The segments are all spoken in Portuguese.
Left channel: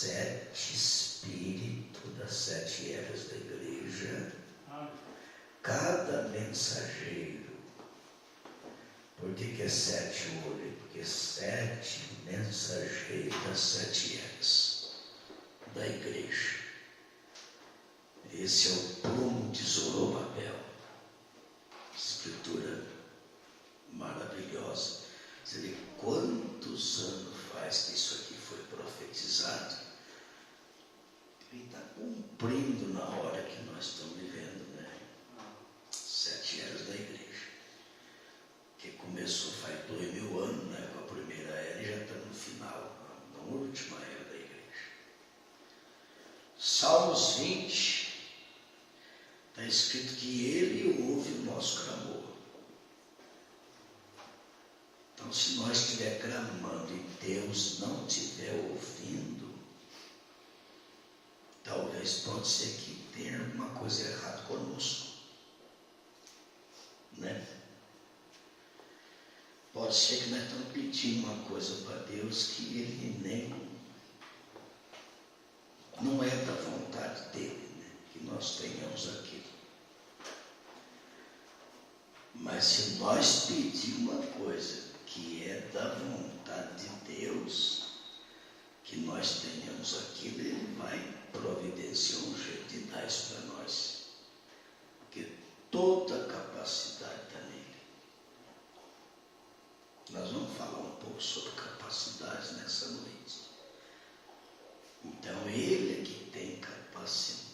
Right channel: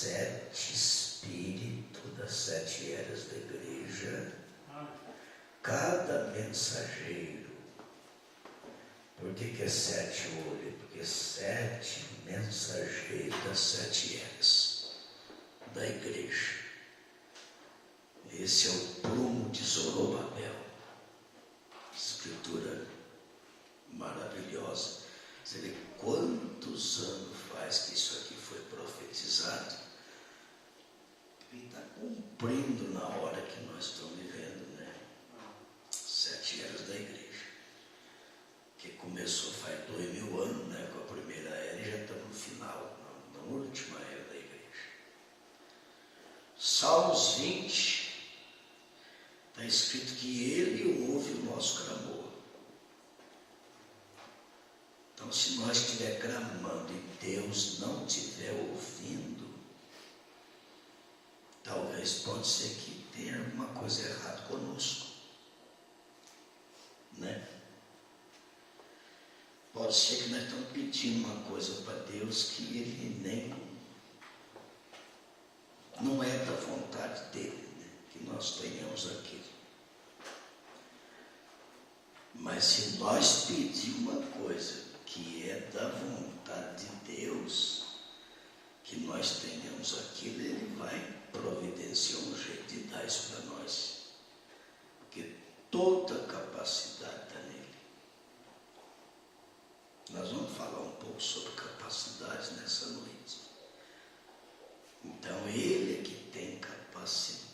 7 espíritos das 7 eras da igreja, cada mensageiro. Por que é 7 olhos? Porque 7 mensageiros das 7 eras da igreja. Esse é o prumo de Zorobabel. Escritura maravilhosa. Você vê quantos anos faz que isso aqui foi profetizado. Ele está cumprindo na hora que nós estamos vivendo, né? 7 eras da igreja. Que começou faz 2000 anos, né? Com a primeira era, e já estamos no final, na última era da igreja. Salmos 20. Está escrito que Ele ouve o nosso clamor. Então, se nós estiver clamando e Deus não estiver ouvindo, talvez pode ser que tenha alguma coisa errada conosco. Né? Pode ser que nós estamos pedindo uma coisa para Deus que Ele nem não é da vontade dEle, né? Que nós tenhamos aquilo. Mas se nós pedirmos uma coisa que é da vontade de Deus, que nós tenhamos aquilo, Ele vai providenciar um jeito de dar isso para nós. Porque toda a capacidade está nele. Nós vamos falar um pouco sobre capacidades nessa noite. Então, Ele é que tem capacidade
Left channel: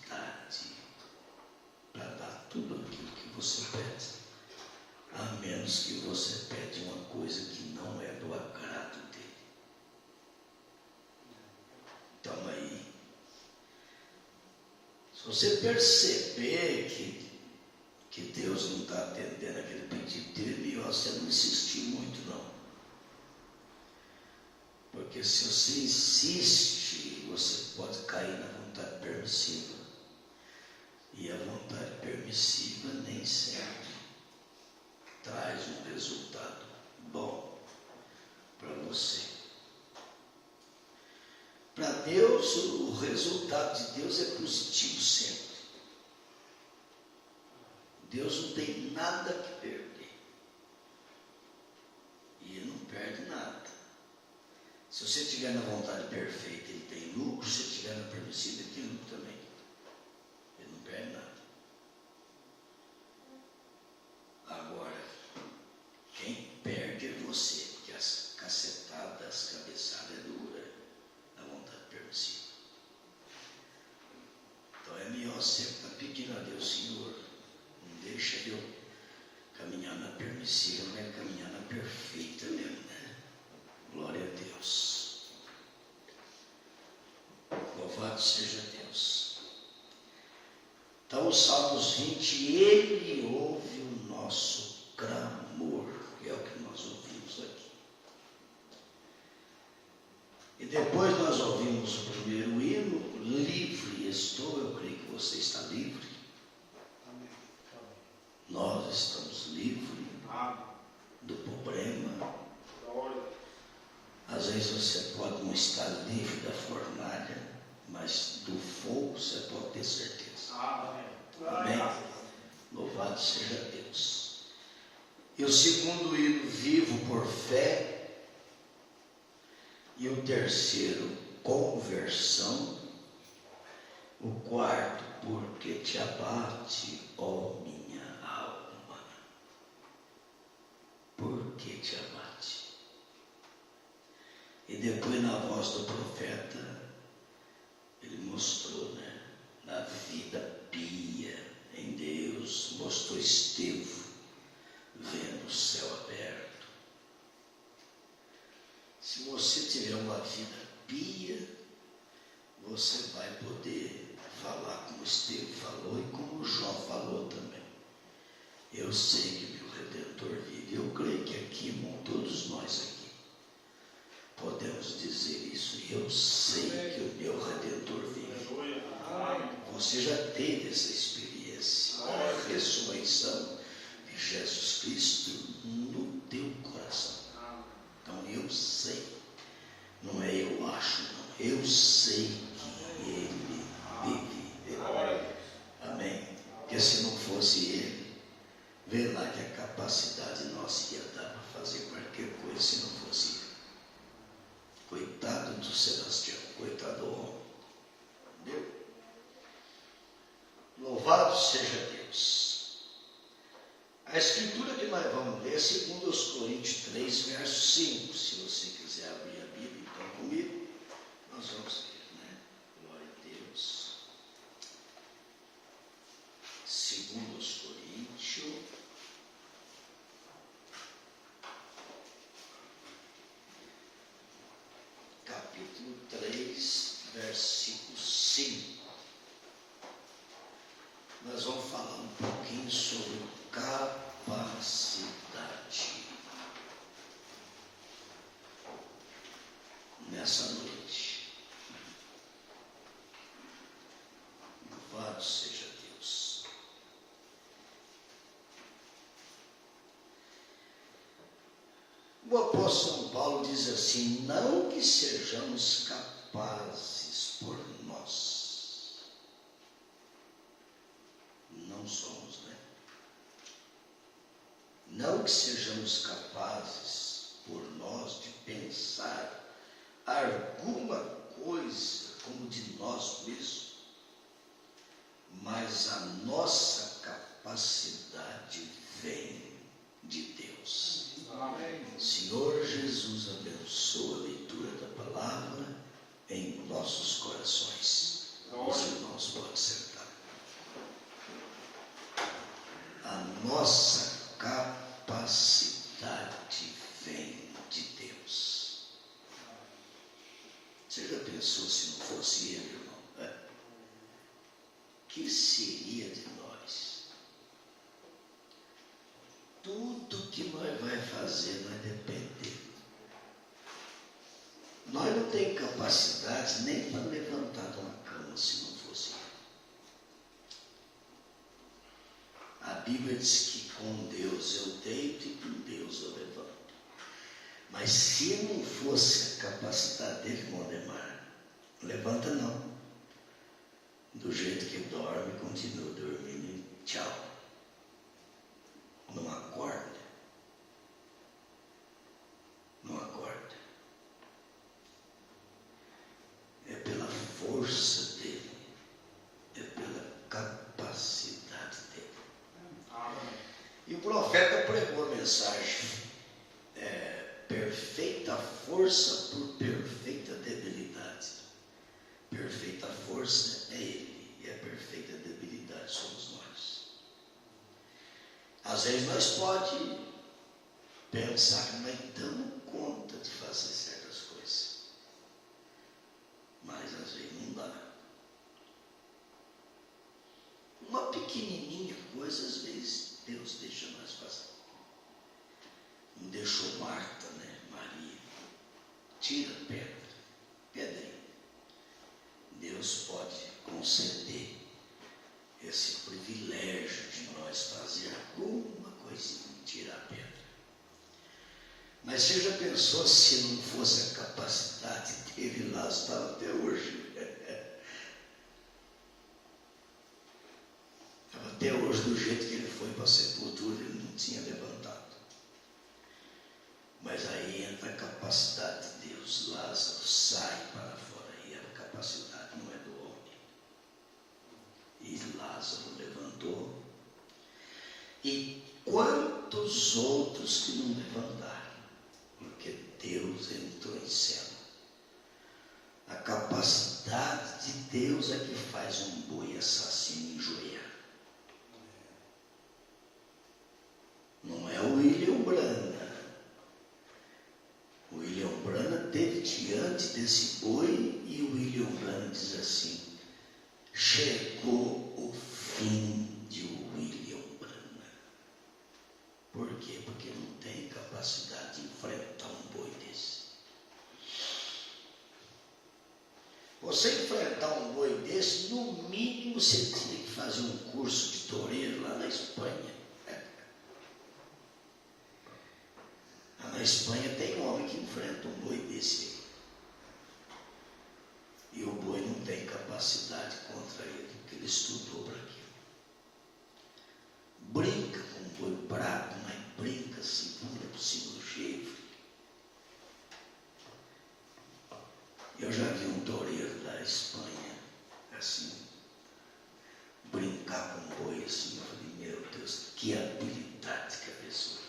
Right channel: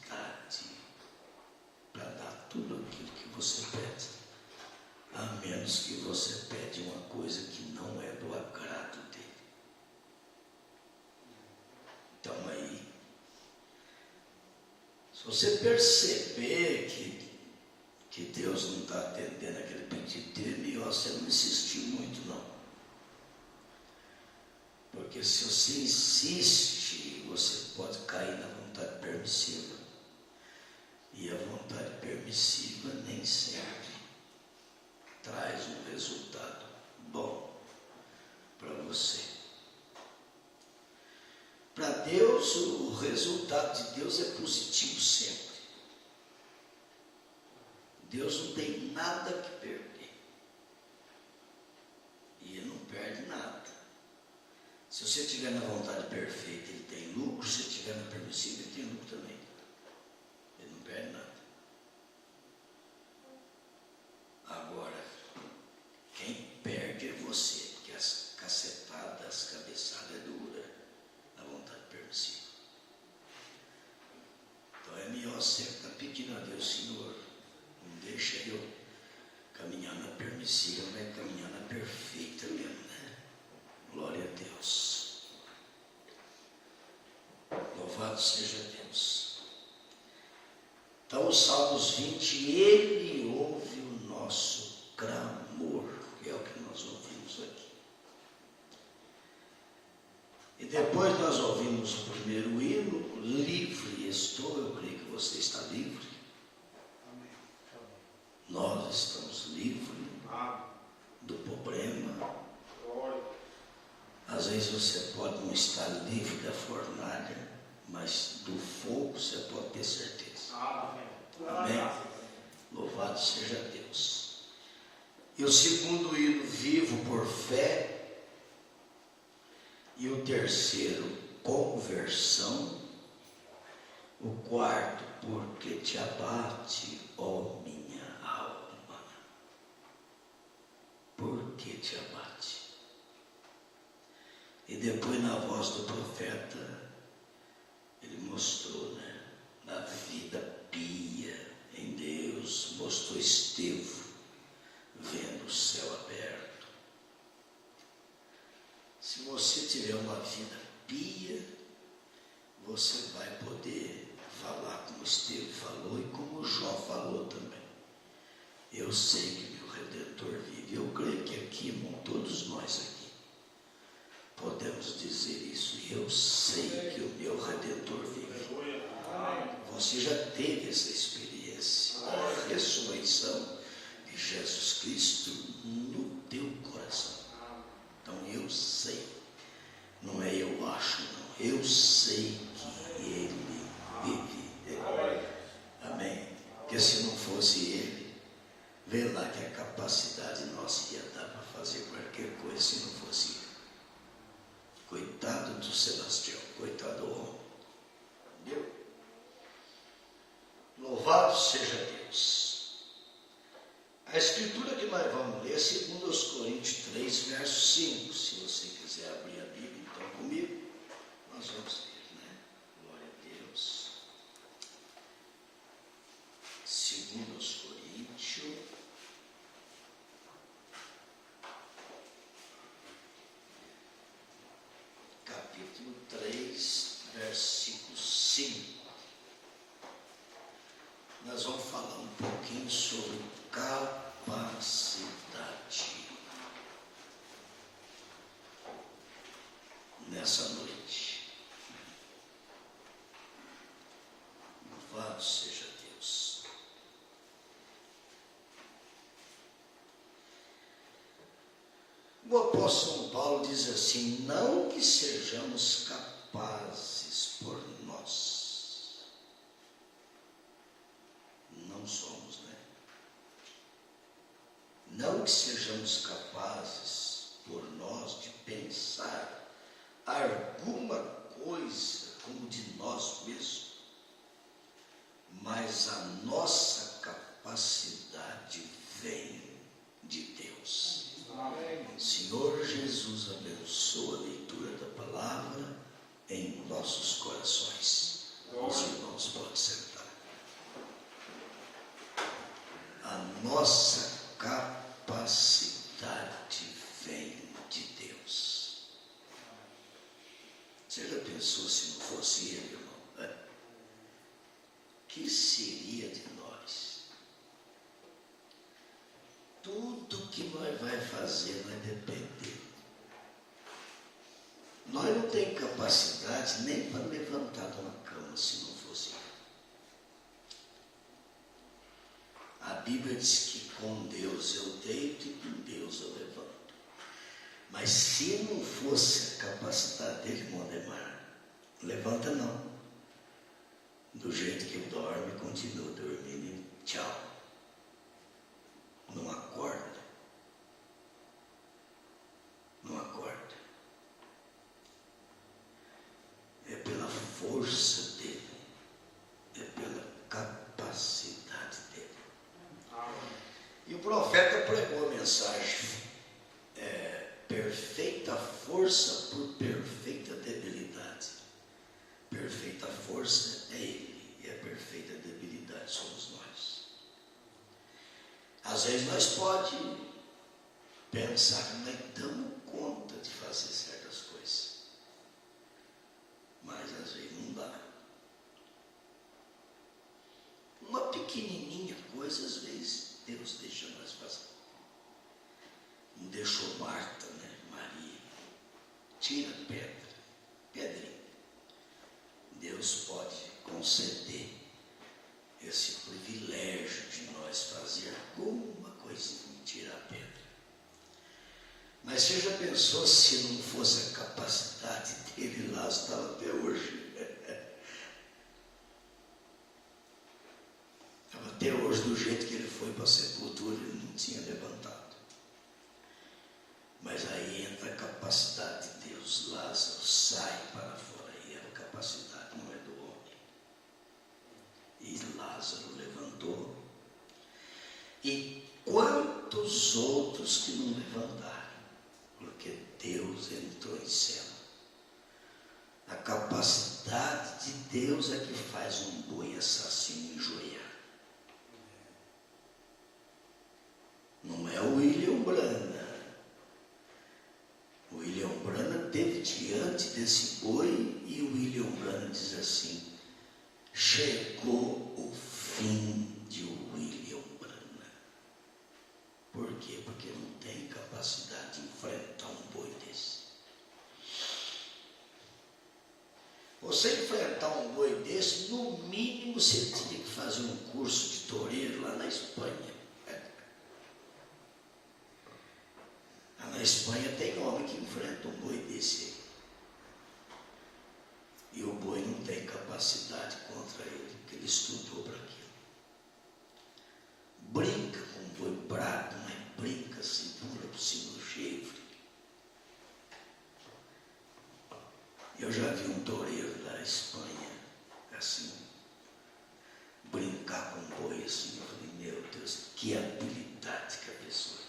para dar tudo aquilo que você pede. A menos que você pede uma coisa que não é do agrado dele. Então aí, se você perceber que Deus não está atendendo aquele pedido dele, você não insistir muito não. Porque se você insiste, você pode cair na vontade permissiva. E a vontade permissiva nem sempre traz um resultado bom para você. Para Deus, o resultado de Deus é positivo sempre. Deus não tem nada que perder. E Ele não perde nada. Se você estiver na vontade perfeita, Ele tem lucro. Se estiver na permissiva, Ele tem lucro também. Ele não perde nada. Agora, quem perde é você, porque as cacetadas, as cabeçadas é dura, da vontade permissiva. Então é melhor sempre estar pedindo a Deus, Senhor, não deixa eu caminhar na permissiva, mas caminhar na perfeita mesmo, né? Glória a Deus. Louvado seja Deus. Então, o Salmos 20, Ele ouve o nosso clamor, que é o que nós ouvimos aqui. E depois nós ouvimos o primeiro hino, livre estou, eu creio que você está livre. Amém. Nós estamos livres do problema. Às vezes você pode não estar livre da fornalha, mas do fogo você pode ter certeza. Amém? Louvado seja Deus. E o segundo hino, vivo por fé. E o terceiro, conversão. O quarto, porque te abate, ó minha alma. Por que te abate? E depois, na voz do profeta, ele mostrou, né? Na vida pia em Deus, mostrou Estevão vendo o céu aberto. Se você tiver uma vida pia, você vai poder falar como Estevão falou e como Jó falou também. Eu sei que meu Redentor vive. Eu creio que aqui, irmão, todos nós aqui podemos dizer isso. Eu sei que o meu Redentor vive. Você já teve essa experiência, a ressurreição de Jesus Cristo no teu coração. Então eu sei, não é eu acho não, eu sei que Ele vive. Amém? Porque se não fosse Ele, vê lá que a capacidade nossa ia dar para fazer qualquer coisa se não fosse Ele. Coitado do Sebastião, coitado do homem. Entendeu? Louvado seja Deus. A escritura que nós vamos ler é 2 Coríntios 3, verso 5. Se você quiser abrir a Bíblia, então comigo, nós vamos ler, né? Glória a Deus. 2 Coríntios, capítulo 3, versículo 5. Nós vamos falar um pouquinho sobre capacidade. Nessa noite. Louvado seja Deus. O apóstolo São Paulo diz assim: não que sejamos capazes por nós. Não somos, né? Não que sejamos capazes por nós de pensar alguma coisa como de nós mesmos, mas a nossa capacidade vem de Deus. Amém. Senhor Jesus, abençoa a leitura da palavra em nossos corações. Os irmãos podem sentar. A nossa capacidade vem de Deus. Você já pensou se não fosse Ele, irmão? Que seria de nós? Tudo que nós vai fazer vai depender. Nós não temos capacidade nem para levantar de uma cama se não fosse Ele. A Bíblia diz que com Deus eu deito e com Deus eu levanto. Mas se não fosse a capacidade dele, Mondemar, levanta não. Do jeito que dorme, continua dormindo. Tchau. Não acorda. Não acorda. É pela força dele. É pela capacidade dele. E o profeta pregou a mensagem. Perfeita força por perfeita debilidade. Perfeita força é Ele, e a perfeita debilidade somos nós. Às vezes nós podemos pensar que nós damos conta de fazer certas coisas, mas às vezes não dá. Uma pequenininha coisa, às vezes, Deus deixa nós fazer. Não deixou Marta, né? Maria. Tira a pedra. Pedrinha. Deus pode conceder esse privilégio de nós fazer alguma coisinha, tirar a pedra. Mas você já pensou se não fosse a capacidade dele lá, estava até hoje? Estava até hoje do jeito que ele foi para a sepultura, ele não tinha levantado. Mas aí entra a capacidade de Deus. Lázaro sai para fora. E a capacidade não é do homem. E Lázaro levantou. E quantos outros que não levantaram? Porque Deus entrou em cena. A capacidade de Deus é que faz um boi assassino enjoeiar. Não é o William Branham. O William Branham teve diante desse boi e o William Branham diz assim: chegou o fim de William Branham. Por quê? Porque não tem capacidade de enfrentar um boi desse. Você enfrentar um boi desse, no mínimo você tinha que fazer um curso de toureiro lá na Espanha. Na Espanha tem homem que enfrenta um boi desse. capacidade contra ele, porque ele estudou para aquilo. Brinca com um boi bravo, mas brinca assim, pula por cima do chifre. Eu já vi um toureiro da Espanha, assim, brincar com um boi assim. Eu falei, meu Deus, que habilidade que a pessoa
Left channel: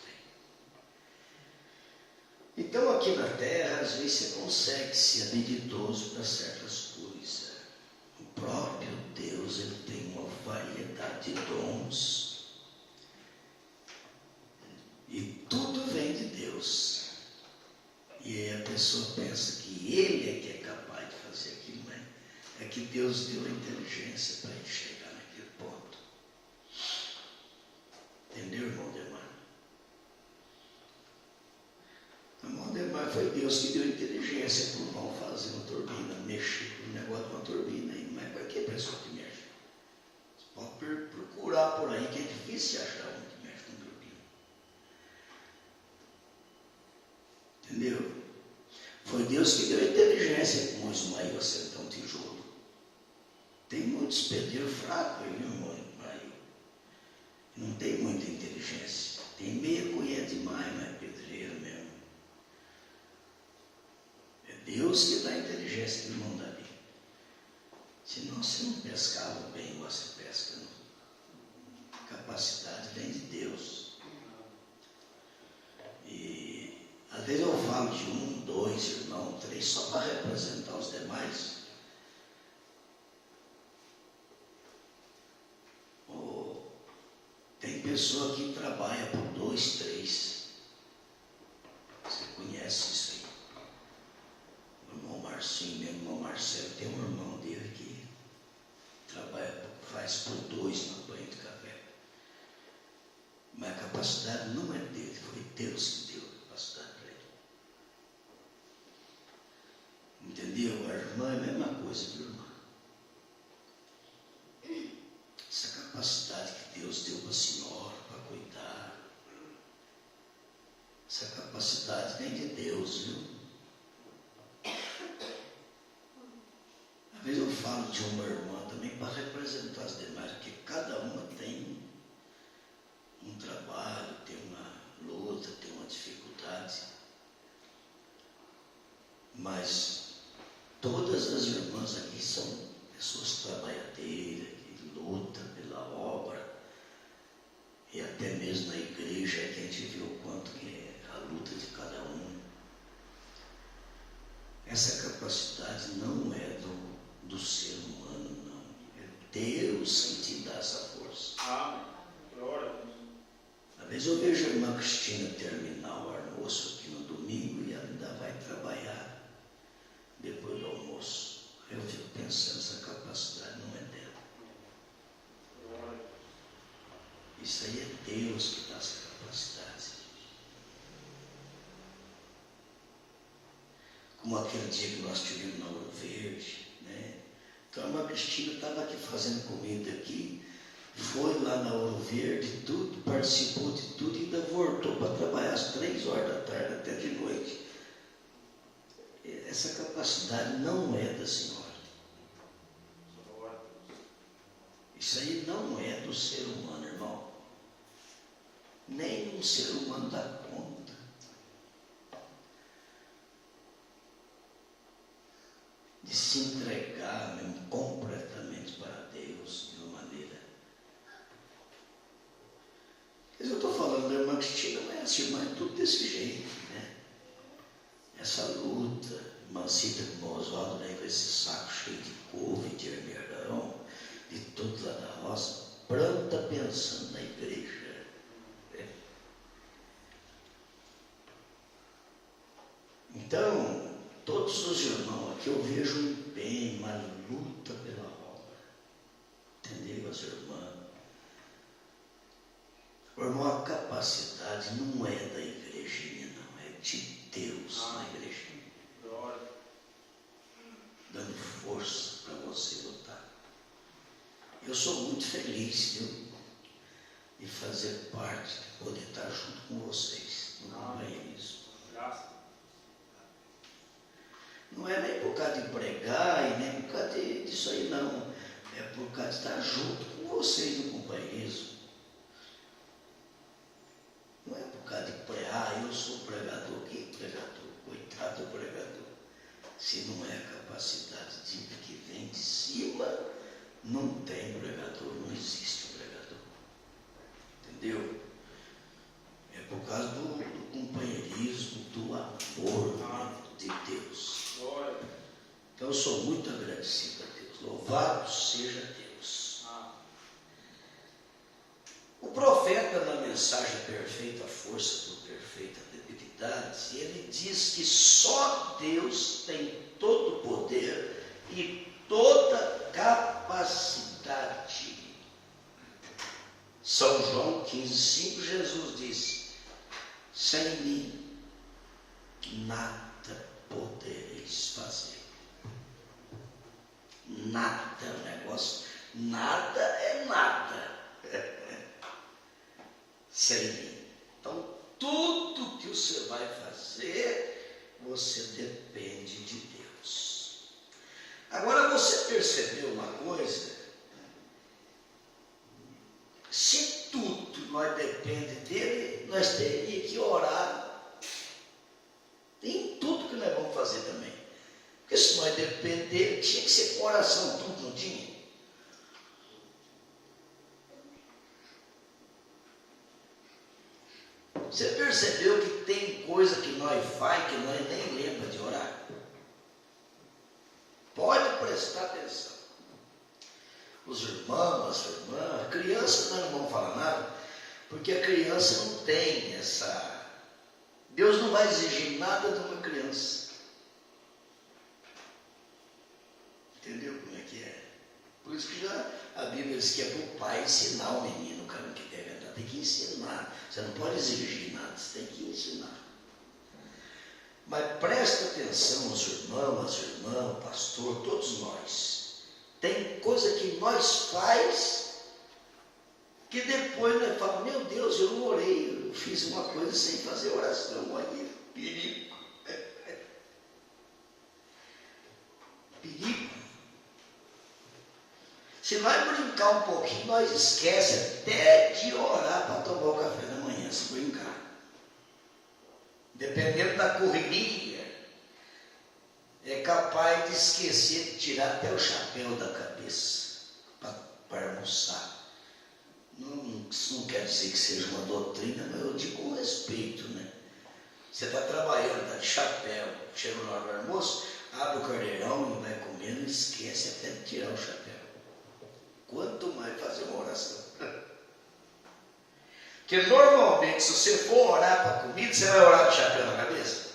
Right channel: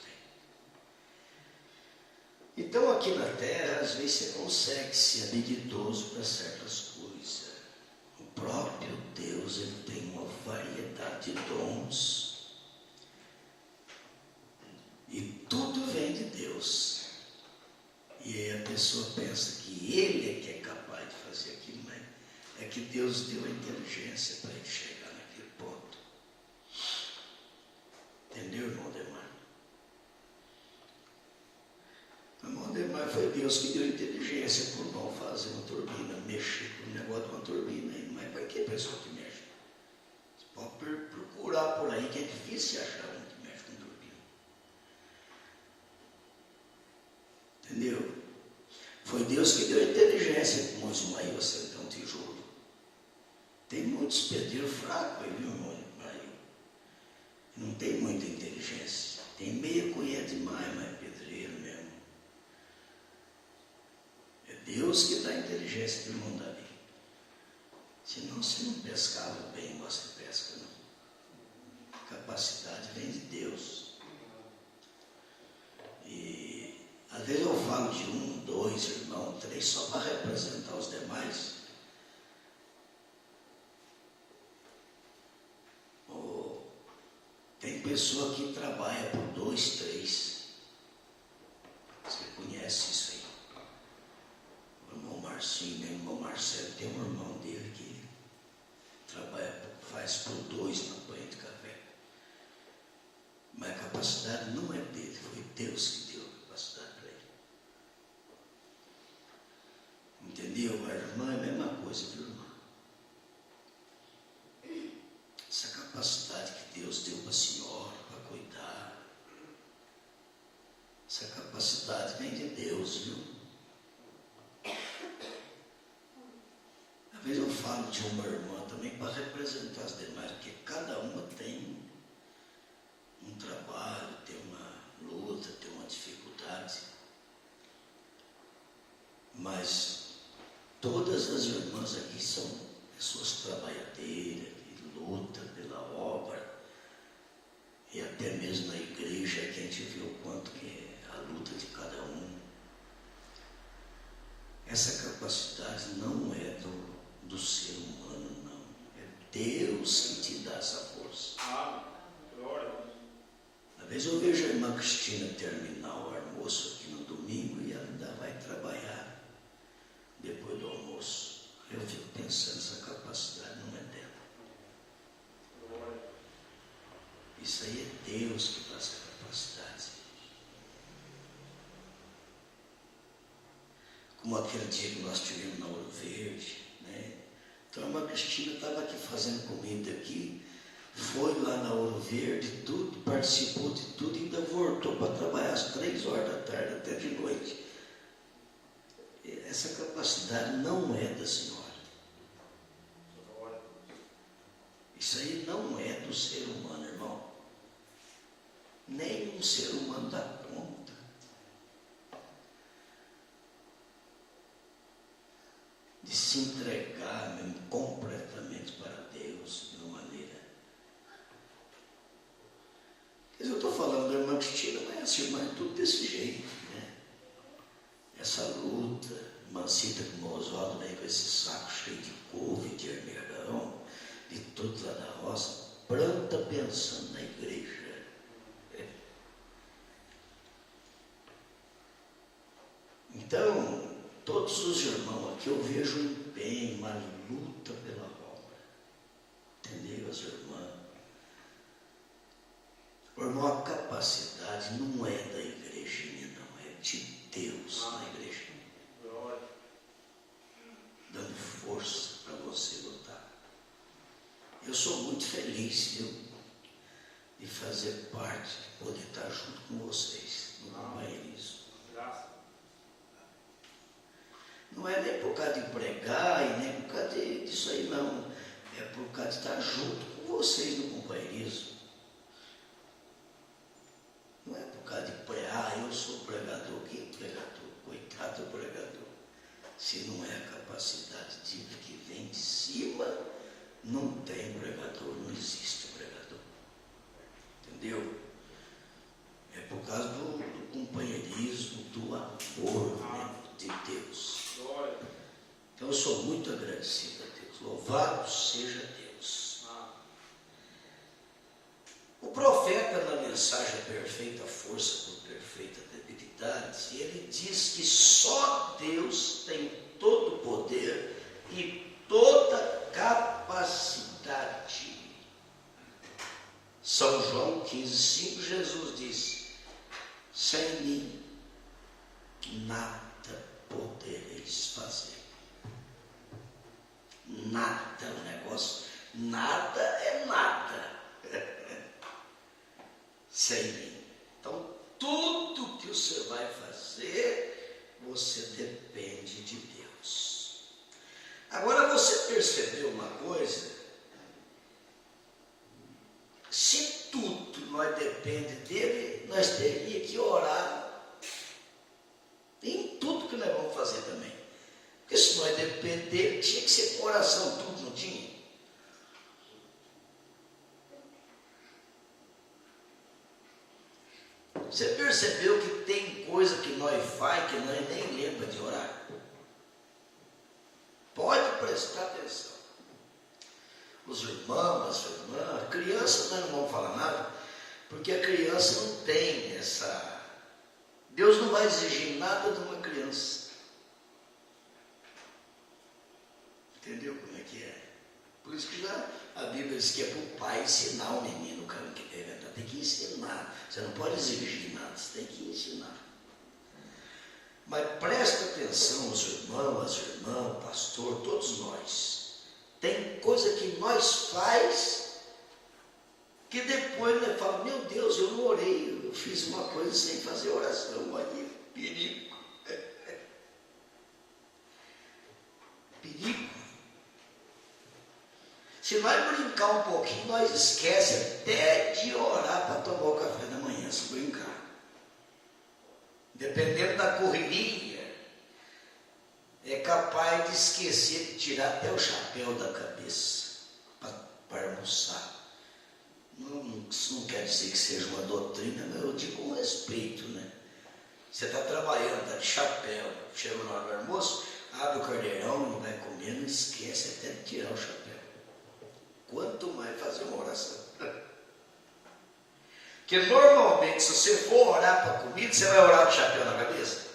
tem. Então aqui na terra, às vezes você consegue ser habilidoso para certas coisas. O próprio Deus, ele tem uma variedade de dons. E tudo vem de Deus. E aí a pessoa pensa que ele é que é capaz de fazer aquilo, né? É que Deus deu a inteligência para ele chegar naquele ponto. Entendeu, irmão Demar? Irmão Demar, foi Deus que deu a inteligência para o irmão fazer uma turbina, mexer com o negócio de uma turbina aí. Mas para que pessoa que mexe? Você pode procurar por aí, que é difícil achar um que mexe com turbina. Entendeu? Foi Deus que deu a inteligência para o Ismael acertar um tijolo. Tem muitos pedreiros fracos aí, meu irmão Ismael. Não tem muita inteligência. Tem meia colher demais, mas é pedreiro mesmo. É Deus que dá a inteligência do irmão Davi. Senão você não pescava bem igual você pesca, não. A capacidade vem de Deus. E às vezes eu falo de 1, 2 irmãos, 3, só para representar os demais. Tem pessoa que trabalha por 2, 3. Você conhece isso aí? O irmão Marcinho, meu irmão Marcelo, tem um irmão dele que trabalha, faz por 2 na banha de café. Mas a capacidade não é dele, foi Deus que deu a capacidade para ele. Entendeu? A irmã é a mesma coisa do irmão. Essa capacidade que Deus deu para a senhora, para cuidar, essa capacidade vem de Deus, viu? Às vezes eu falo de uma irmã também para representar as demais, porque cada uma tem um trabalho, tem uma luta, tem uma dificuldade. Mas todas as irmãs aqui são pessoas trabalhadeiras, que lutam pela obra. E até mesmo na igreja que a gente viu o quanto que é a luta de cada um. Essa capacidade não é do ser humano, não. É Deus que te dá essa força. Às vezes eu vejo a irmã Cristina terminar o almoço aqui no domingo e ela ainda vai trabalhar depois do almoço. Eu fico pensando, essa capacidade não é dela. Isso aí é Deus que dá essa capacidade. Como aquele dia que nós tivemos na Ouro Verde, né? Então a irmã Cristina estava aqui fazendo comida aqui, foi lá na Ouro Verde, tudo, participou de tudo e ainda voltou para trabalhar às 3 horas da tarde até de noite. Essa capacidade não é da senhora. Isso aí não é do ser humano, irmão. Nem um ser humano dá conta. De se entregar mesmo, completamente para Deus de uma maneira. Mas eu estou falando da irmã Cristina, mas essa irmã é tudo desse jeito, né? Essa luta, Mancita de Mosódio, né, com esse saco cheio de couve, de ermergarão, de tudo lá da roça, planta pensando na igreja. Então, todos os irmãos aqui eu vejo um empenho, uma luta pela obra. Entendeu, as irmãs? O irmão, a capacidade não é da igrejinha, não, é de Deus na igrejinha. Dando força para você lutar. Eu sou muito feliz, viu, de fazer parte, de poder estar junto com vocês no companheirismo. Não é nem por causa de pregar e nem por causa de disso aí não. É por causa de estar junto com vocês no companheirismo. Não é por causa de pregar, eu sou pregador. Que pregador? Coitado do pregador. Se não é a capacidade de que vem de cima, não tem pregador, não existe pregador. Entendeu? É por causa do companheirismo, do amor de Deus. Então eu sou muito agradecido a Deus. Louvado seja Deus. O profeta, na mensagem Perfeita Força por Perfeita Debilidade, ele diz que só Deus tem todo o poder e toda capacidade. São João 15,5, Jesus diz: sem mim nada podereis fazer. Nada, o negócio, nada é nada. Sem mim. Então, tudo que você vai fazer, você depende de Deus. Agora, você percebeu uma coisa? Se tudo nós depende dele, nós teríamos que orar em tudo que nós vamos fazer também. Porque se nós dependemos dele, tinha que ser com oração, tudo, não tinha? Você percebeu que tem coisa que nós faz que nós nem lembra de orar? Pode prestar atenção. Os irmãos, as irmãs, criança nós não vamos falar nada, porque a criança não tem essa... Deus não vai exigir nada de uma criança. Entendeu como é que é? Por isso que a Bíblia diz que é para o pai ensinar o menino o caminho que deve andar. Tem que ensinar. Você não pode exigir nada, você tem que ensinar. Mas presta atenção, os irmãos, as irmãs, o pastor, todos nós. Tem coisa que nós faz que depois nós falamos: meu Deus, eu não orei, eu fiz uma coisa sem fazer oração. Olha, perigo. Perigo. Se nós brincar um pouquinho, nós esquecemos até de orar para tomar o café da manhã, se brincar. Dependendo da correria, é capaz de esquecer de tirar até o chapéu da cabeça para almoçar. Isso não quer dizer que seja uma doutrina, mas eu digo com respeito, né? Você está trabalhando, está de chapéu, chega na hora do almoço, abre o caldeirão e vai comendo e esquece até de tirar o chapéu. Quanto mais fazer uma oração. Porque normalmente, se você for orar para a comida, você vai orar de chapéu na cabeça.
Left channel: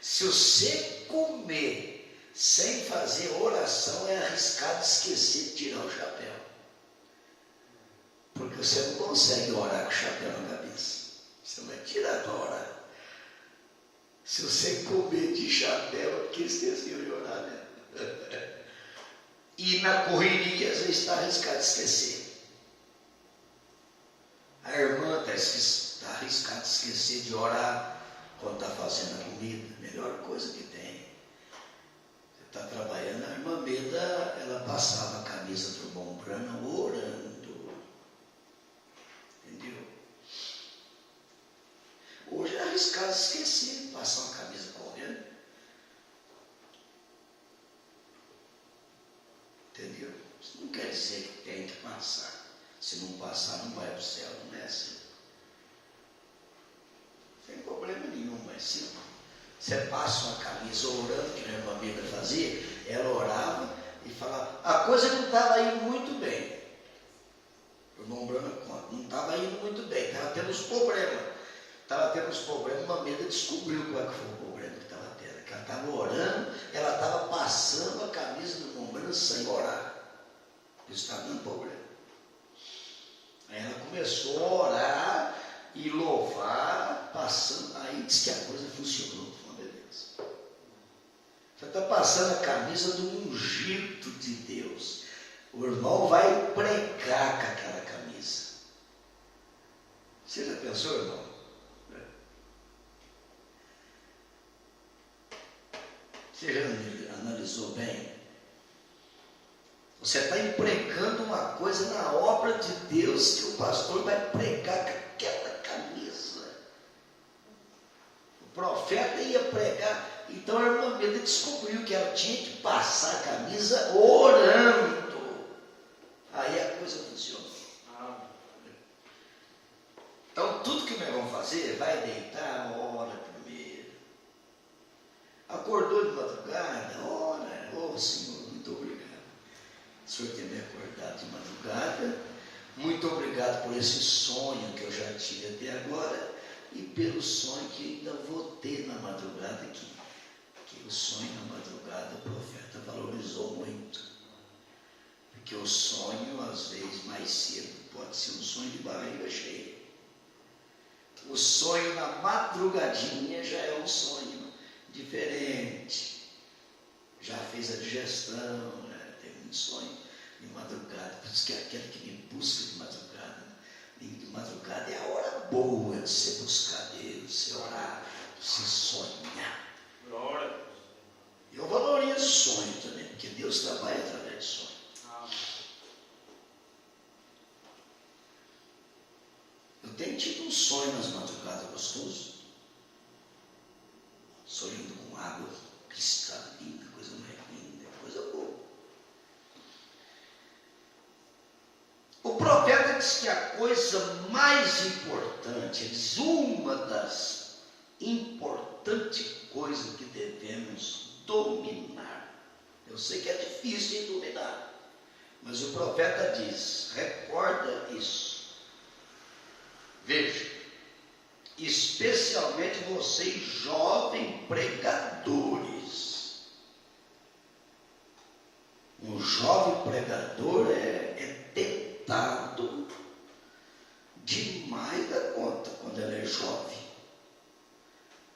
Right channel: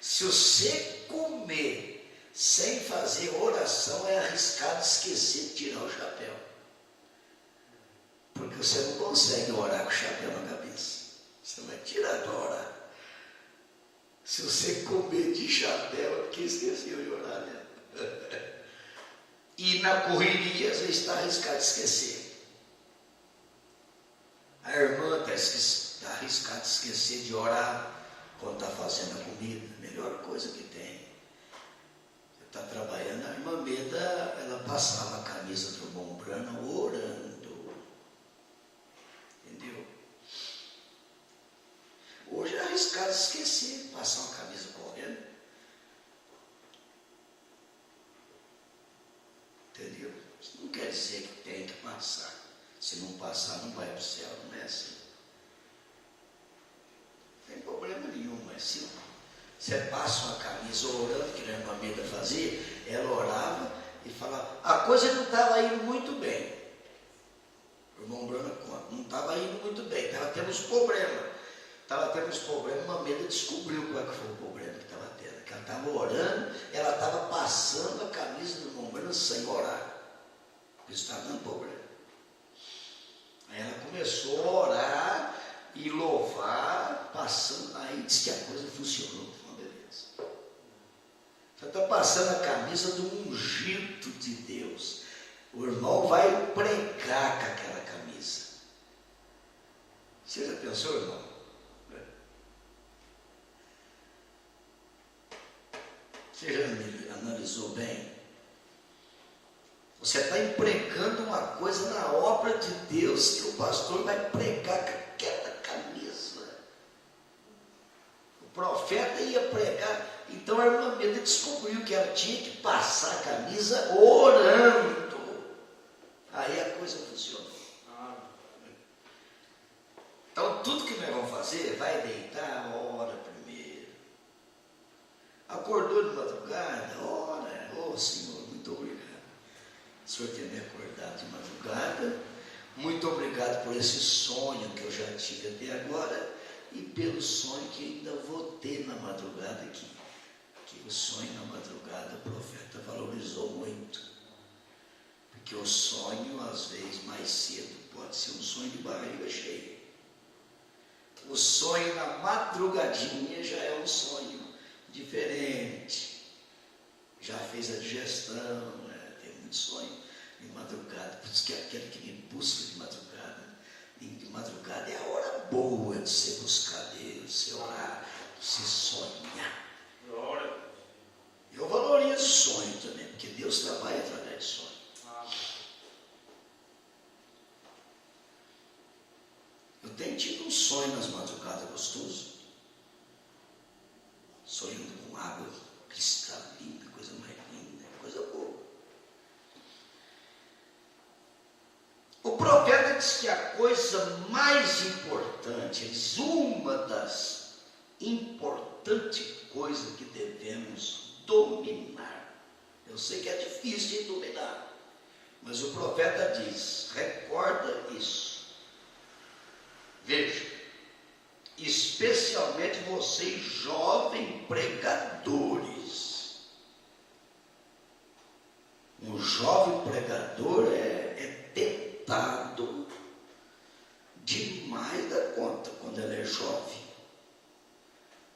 Se você comer sem fazer oração, é arriscado esquecer de tirar o chapéu. Porque você não consegue orar com o chapéu na cabeça. Você vai tirar para orar. Se você comer de chapéu, é porque esqueceu de orar, né? E na correria, às vezes está arriscado esquecer. A irmã está arriscada esquecer de orar quando está fazendo a comida. Melhor coisa que tem. Você está trabalhando, a irmã Beda, ela passava a camisa do irmão Brana orando. Entendeu? Hoje é arriscado esquecer de passar uma camisa correndo. Entendeu? Isso não quer dizer que tem que passar. Se não passar, não vai para o céu, não é assim. Não tem problema nenhum, mas se você passa uma camisa orando, que a irmã Beda fazia, ela orava e falava, a coisa não estava indo muito bem. O irmão Bruno conta, não estava indo muito bem, estava tendo uns problemas. Estava tendo uns problemas, a irmã Beda descobriu qual foi o problema que estava tendo. Que ela estava orando, ela estava passando a camisa do irmão Bruno sem orar. Isso estava dando problema. Aí ela começou a orar e louvar, passando, aí disse que a coisa funcionou, uma beleza. Você está passando a camisa do ungido de Deus. O irmão vai pregar com aquela camisa. Você já pensou, irmão? Você já analisou bem? Você está empregando uma coisa na obra de Deus que o pastor vai pregar com aquela camisa. O profeta ia pregar. Então a irmã Meda descobriu que ela tinha que passar a camisa orando. Aí a coisa funcionou. Então tudo que nós vamos fazer, vai deitar, ora primeiro. Acordou de madrugada, ora. Oh Senhor, muito obrigado. O Senhor ter me acordado de madrugada. Muito obrigado por esse sonho que eu já tive até agora. E pelo sonho que ainda vou ter na madrugada aqui. Que o sonho na madrugada o profeta valorizou muito. Porque o sonho, às vezes, mais cedo, pode ser um sonho de barriga cheia. O sonho na madrugadinha já é um sonho diferente. Já fez a digestão, né? Tem muito sonho de madrugada. Por isso que é aquele que me busca de madrugada. De madrugada é a hora boa de você buscar Deus, de você orar, de você sonhar. Eu valorizo o sonho também, porque Deus trabalha através do sonho. Eu tenho tido um sonho nas madrugadas gostoso. Sonhando com água cristalina, coisa mais linda, coisa boa. O profeta diz que a coisa mais importante, uma das importantes coisas que devemos dominar. Eu sei que é difícil de dominar, mas o profeta diz, recorda isso. Veja, especialmente vocês jovens pregadores. Um jovem pregador é tentado demais da conta quando ele é jovem.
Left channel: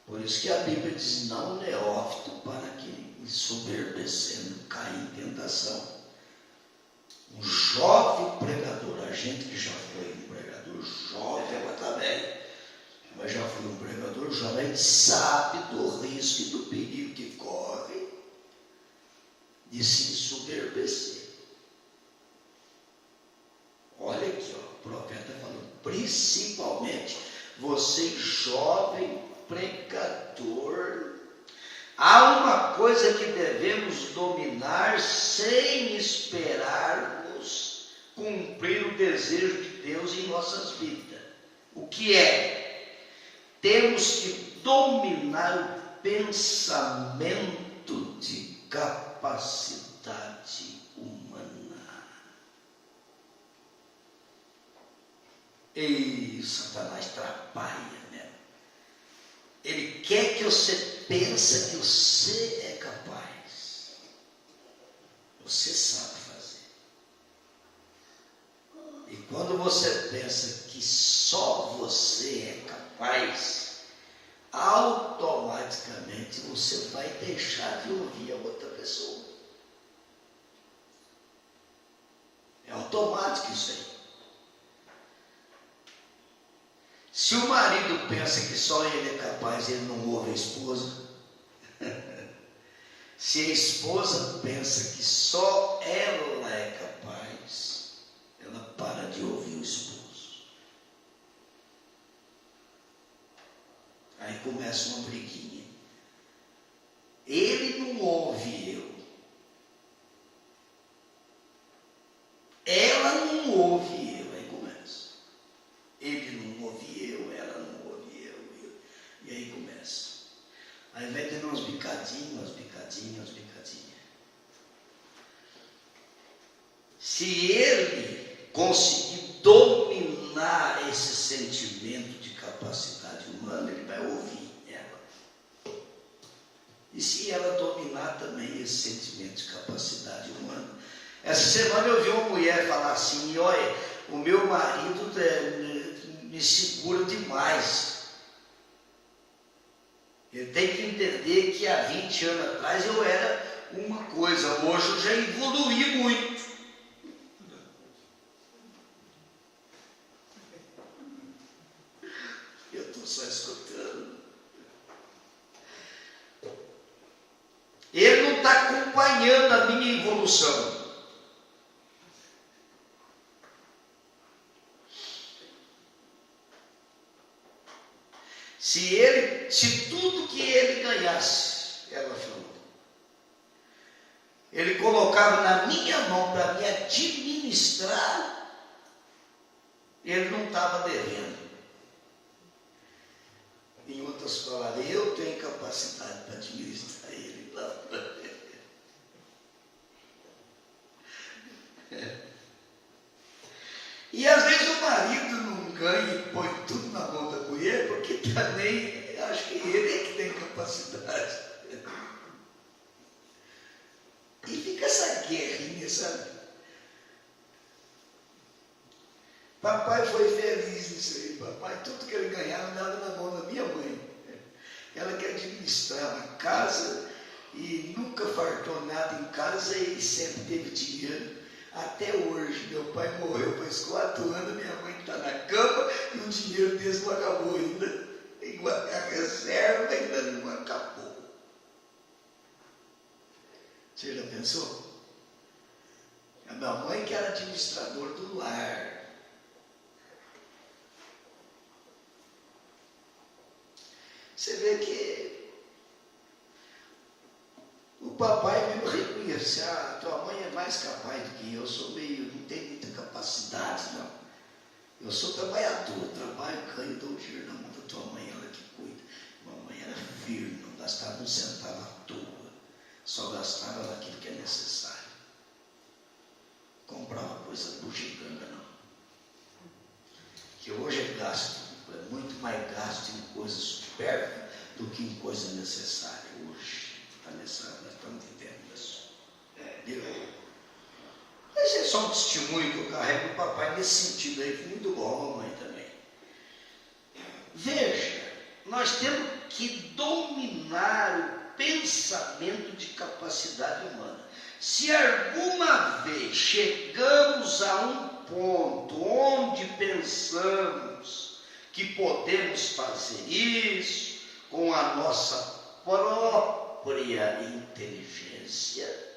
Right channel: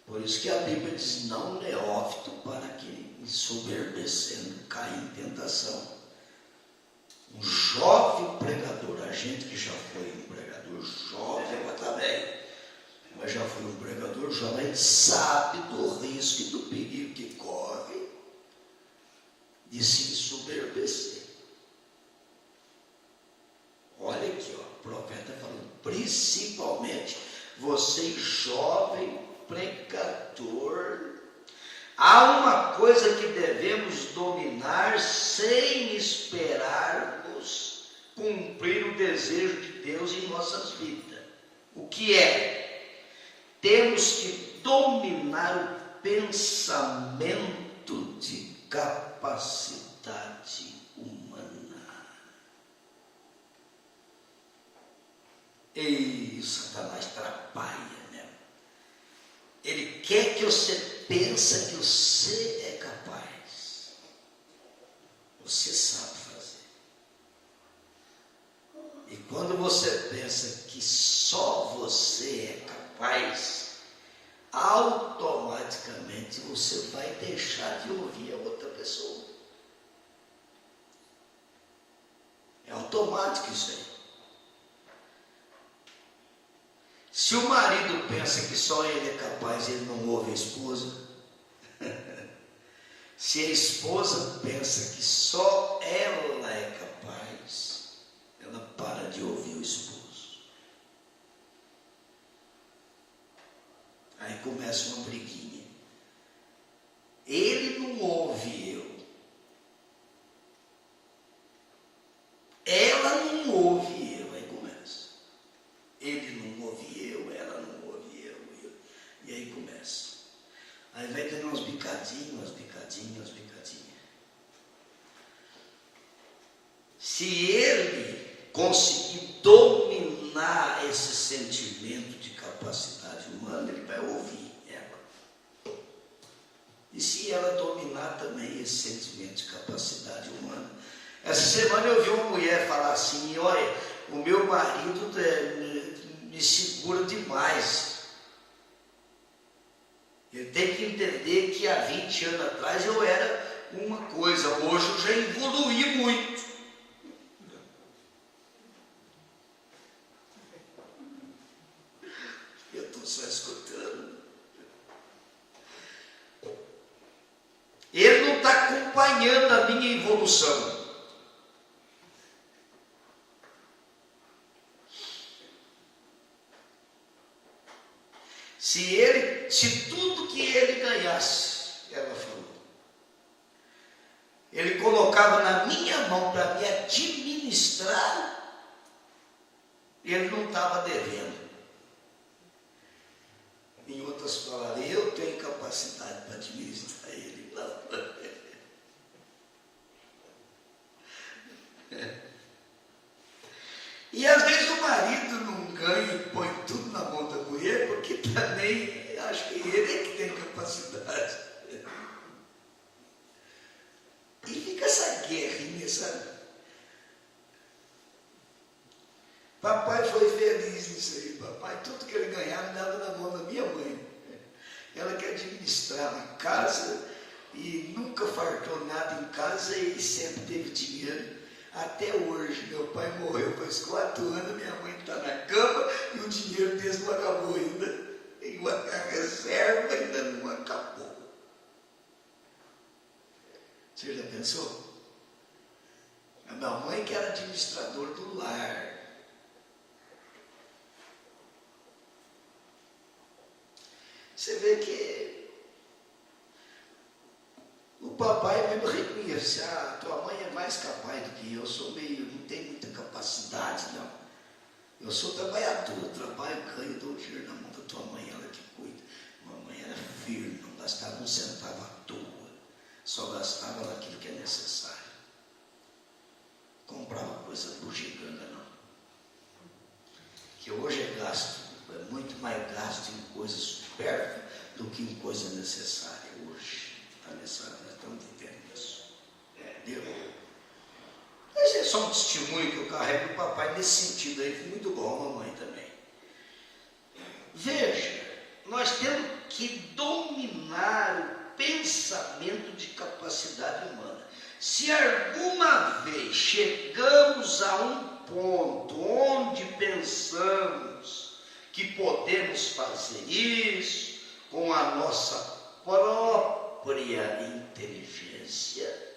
Por isso que a Bíblia diz, não neófito para que ensoberbecendo caia em tentação. Um jovem pregador, a gente que já foi um pregador jovem, agora está velho, mas já foi um pregador jovem, sabe do risco e do perigo que corre de se ensoberbecer. Olha aqui, ó, o profeta falando, principalmente você jovem pregador, há uma coisa que devemos dominar sem esperarmos cumprir o desejo de Deus em nossas vidas. O que é? Temos que dominar o pensamento de capacidade humana. E Satanás atrapalha, né? Ele quer que você pense que você é capaz. Você sabe fazer. E quando você pensa que só você é capaz, automaticamente você vai deixar de ouvir a outra pessoa. É automático isso aí. Se o marido pensa que só ele é capaz, ele não ouve a esposa. Se a esposa pensa que só ela é capaz, ela para de ouvir o esposo. Aí começa uma briguinha. Ele não ouve eu. Ela não ouve eu. Aí começa. Ele não ouve eu, ela não ouve eu. E aí começa. Aí vai tendo umas bicadinhas. Se ele conseguir dominar esse sentimento de capacidade humana, ele vai ouvir ela. E se ela dominar também esse sentimento de capacidade humana. Essa semana eu vi uma mulher falar assim, olha, o meu marido me segura demais. Eu tenho que entender que há 20 anos atrás eu era uma coisa, hoje eu já evoluí muito. Eu estou só escutando. acompanhando a minha evolução. Se tudo que ele ganhasse, ela falou, ele colocava na minha mão para me administrar, ele não estava devendo. Em outras palavras, eu tenho capacidade para administrar ele. E às vezes o marido não ganha e põe tudo na mão da mulher, porque também acho que ele é que tem capacidade. E fica essa guerrinha, sabe? Papai foi feliz nisso aí. Papai, tudo que ele ganhava, dava na mão da minha mãe. Ela que administrava a casa e nunca faltou nada em casa e sempre teve dinheiro. Até hoje, meu pai morreu faz 4 anos, minha mãe está na cama e o dinheiro desse não acabou ainda. E a reserva ainda não acabou. Você já pensou? A minha mãe que era administradora do lar. Você vê que o papai mesmo reconhece, tua mãe é mais capaz do que eu sou não tenho muita capacidade, não. Eu sou trabalhador, trabalho, ganho, dou dinheiro na mão da tua mãe, ela que cuida. Mamãe era firme, não gastava um centavo à toa, só gastava naquilo que é necessário. Comprava coisa bugiganga, não. Que hoje é gasto, é muito mais gasto em coisas supérfluas do que em coisa necessária hoje. Nós estamos vivendo isso. Esse é só um testemunho que eu carrego do papai nesse sentido aí, foi muito bom, a mamãe também. Veja, nós temos que dominar o pensamento de capacidade humana. Se alguma vez chegamos a um ponto onde pensamos que podemos fazer isso com a nossa própria inteligência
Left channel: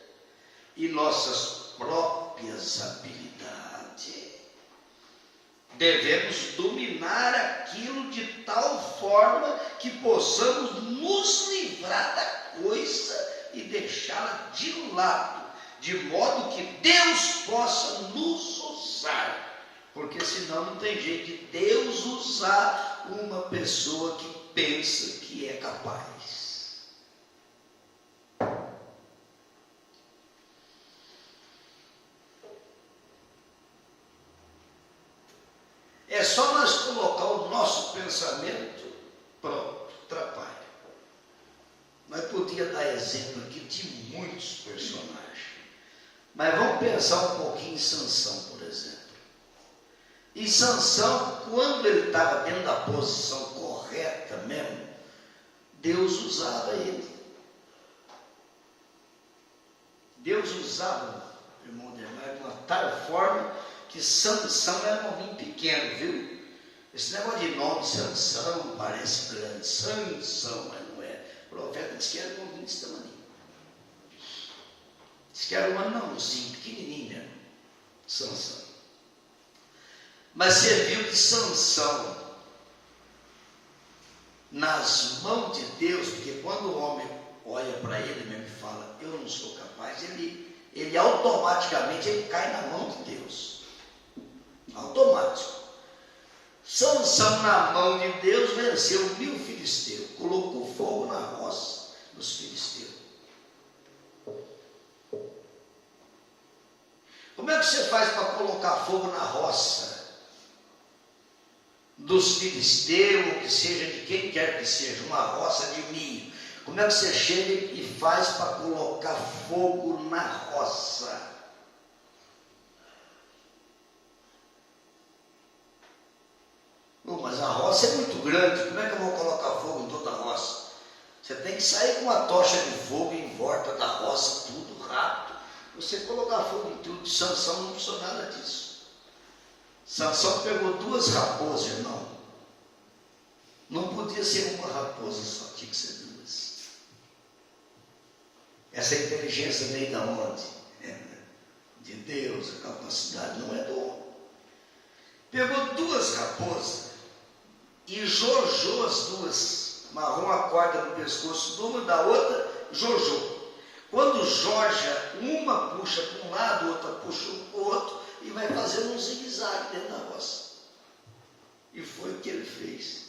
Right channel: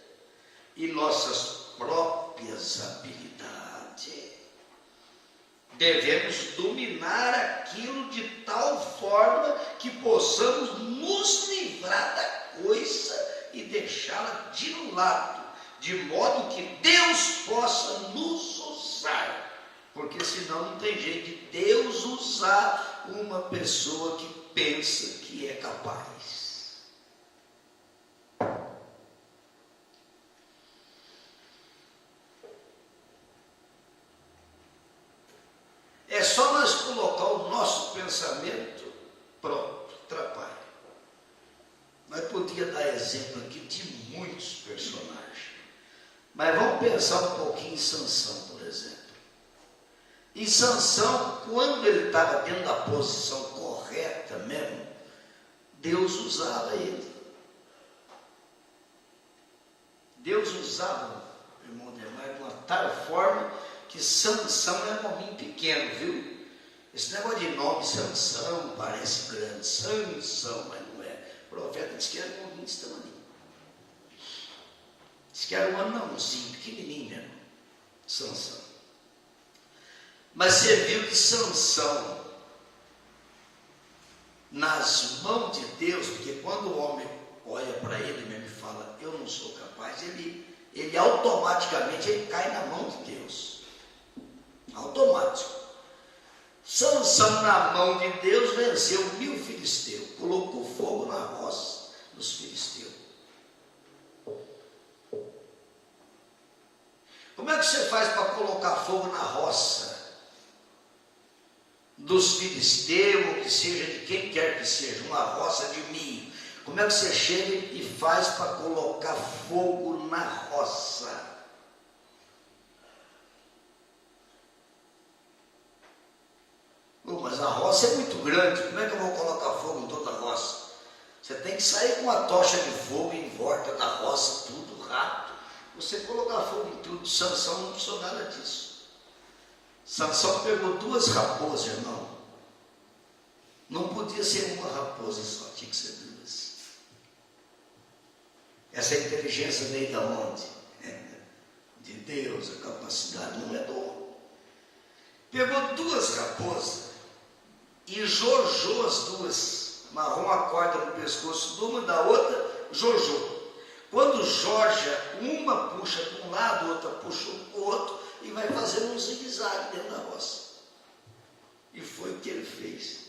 e nossas próprias habilidades, devemos dominar aquilo de tal forma que possamos nos livrar da coisa e deixá-la de lado, de modo que Deus possa nos usar. Porque senão não tem jeito de Deus usar uma pessoa que pensa que é capaz. É só nós colocar o nosso pensamento, pronto, atrapalha. Nós podíamos dar exemplo aqui de muitos personagens. Mas vamos pensar um pouquinho em Sansão, por exemplo. E Sansão, quando ele estava dentro da posição correta mesmo, Deus usava ele. Deus usava o irmão Demar de uma tal forma que Sansão era um homem pequeno, viu? Esse negócio de nome Sansão parece grande, Sansão, mas não é. O profeta disse que era um homem desse tamanho. Disse que era um anãozinho, pequenininho mesmo, Sansão. Mas você viu que Sansão, nas mãos de Deus, porque quando o homem olha para ele mesmo e fala, eu não sou capaz, ele automaticamente ele cai na mão de Deus. Automático. Sansão, na mão de Deus, venceu 1000 filisteus, colocou fogo na roça dos filisteus. Como é que você faz para colocar fogo na roça dos filisteus, ou que seja de quem quer que seja, uma roça de milho? Como é que você chega e faz para colocar fogo na roça? Mas a roça é muito grande, como é que eu vou colocar fogo em toda a roça? Você tem que sair com uma tocha de fogo em volta da roça, tudo rápido. Você colocar fogo em tudo. Sansão não precisou nada disso. Sansão pegou 2 raposas, irmão. Não podia ser uma raposa só, tinha que ser 2. Essa inteligência veio da onde? De Deus, a capacidade não é do homem. Pegou duas raposas e jojou as duas, amarrou uma corda no pescoço de uma da outra, jojou. Quando joja, uma puxa para um lado, outra puxa para o outro, e vai fazendo um zigue-zague dentro da roça. E foi o que ele fez.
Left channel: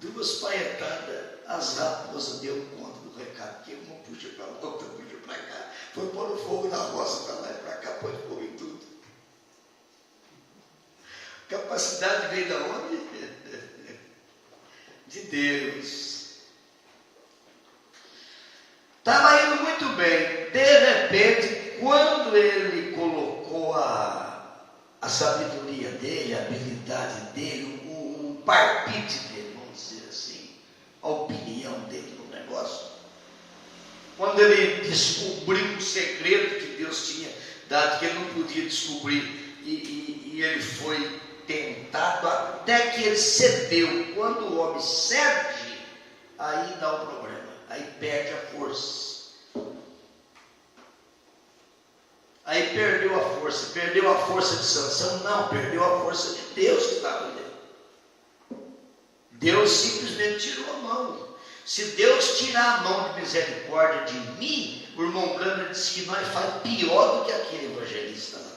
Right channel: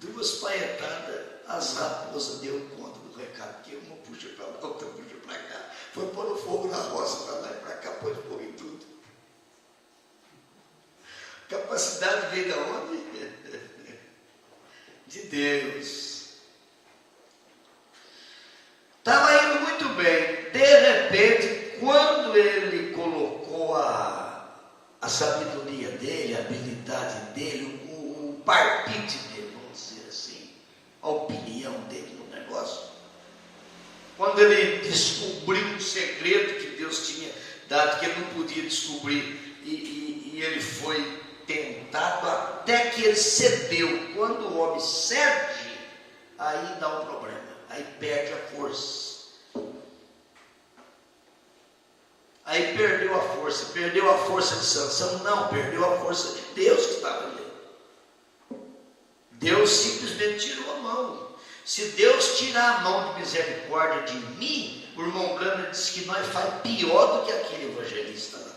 Duas paetadas, as raposas deu conta do recado, que uma puxa para lá, outra puxa para cá, foi pôr o fogo na roça para lá e para cá, pôs fogo em tudo. Capacidade veio da onde? De Deus. Estava indo muito bem. De repente, quando ele colocou a sabedoria dele, a habilidade dele, o palpite dele, vamos dizer assim, a opinião dele no negócio, quando ele descobriu um segredo que Deus tinha dado, que ele não podia descobrir, e ele foi tentado até que ele cedeu. Quando o homem cede, aí dá um problema, aí perde a força. Aí perdeu a força de Sansão? Não, perdeu a força de Deus que estava nele. Deus simplesmente tirou a mão. Se Deus tirar a mão de misericórdia de mim, o irmão Branham disse que nós faz pior do que aquele evangelista lá.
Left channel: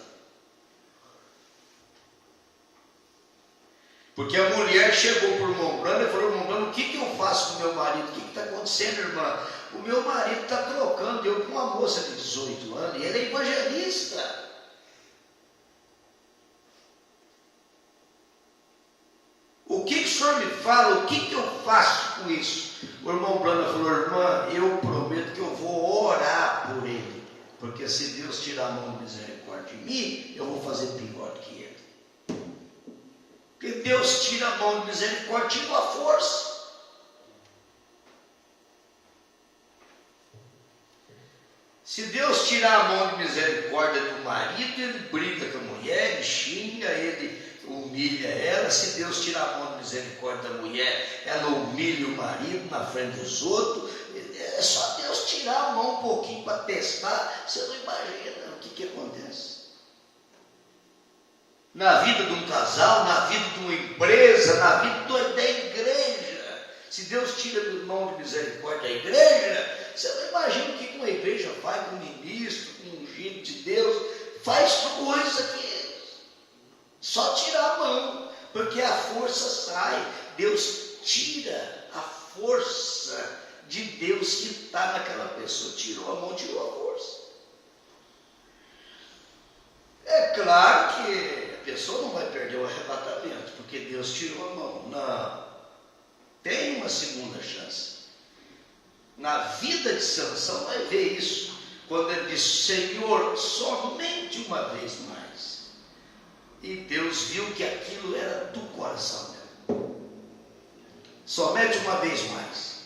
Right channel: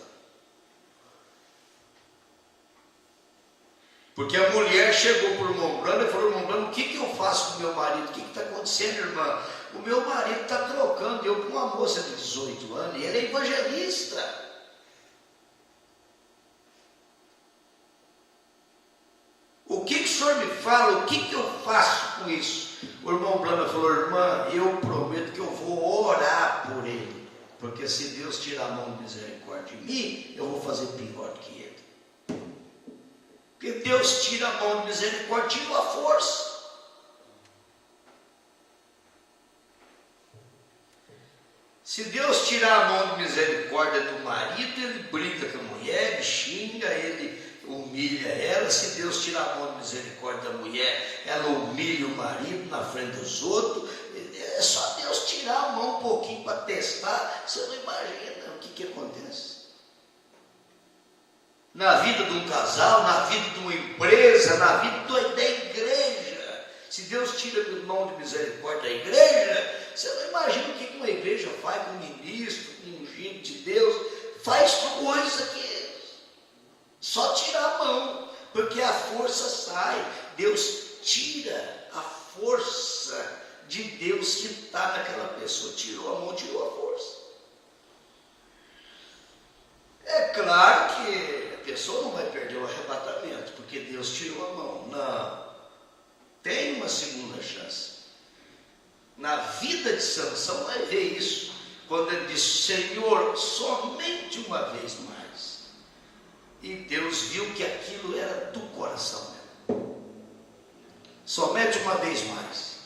Porque a mulher chegou para o irmão Branham e falou: irmão Branham, o que eu faço com o meu marido? O que está acontecendo, irmã? O meu marido está trocando eu com uma moça de 18 anos, e ele é evangelista. O que o senhor me fala? O que eu faço com isso? O irmão Branham falou: irmã, eu prometo que eu vou orar por ele, porque se Deus tirar a mão de misericórdia de mim, eu vou fazer pior do que ele. Porque Deus tira a mão de misericórdia, tira a força. Se Deus tirar a mão de misericórdia do marido, ele briga com a mulher, ele xinga, ele humilha ela. Se Deus tirar a mão de misericórdia da mulher, ela humilha o marido na frente dos outros. É só Deus tirar a mão um pouquinho para testar. Você não imagina o que acontece. Na vida de um casal, na vida de uma empresa, na vida da igreja. Se Deus tira a mão de misericórdia da igreja, você não imagina o que uma igreja faz com um ministro, com um ungido de Deus. Faz coisa que só tirar a mão, porque a força sai. Deus tira a força de Deus que está naquela pessoa. Tirou a mão, tirou a força. É claro que a pessoa não vai perder o arrebatamento, porque Deus tirou a mão. Não. Tem uma segunda chance. Na vida de Sansão vai ver isso, quando ele disse: Senhor, somente uma vez mais. E Deus viu que aquilo era do coração dele. Somente uma vez mais.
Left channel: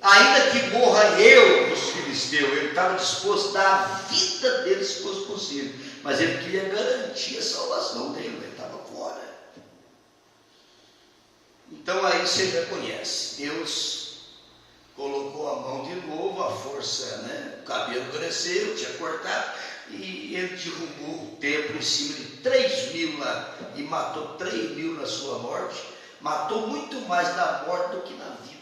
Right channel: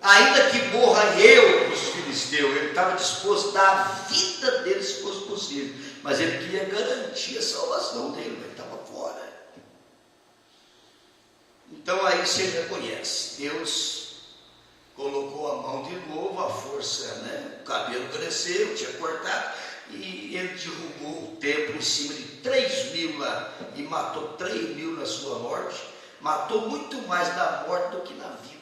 Ainda que morra eu dos filisteus, ele estava disposto a dar a vida dele se fosse possível, mas ele queria garantir a salvação dele, ele estava fora. Então aí você reconhece, Deus colocou a mão de novo, a força, o cabelo cresceu, tinha cortado, e ele derrubou o templo em cima de 3.000 lá, e matou 3.000 na sua morte. Matou muito mais na morte do que na vida,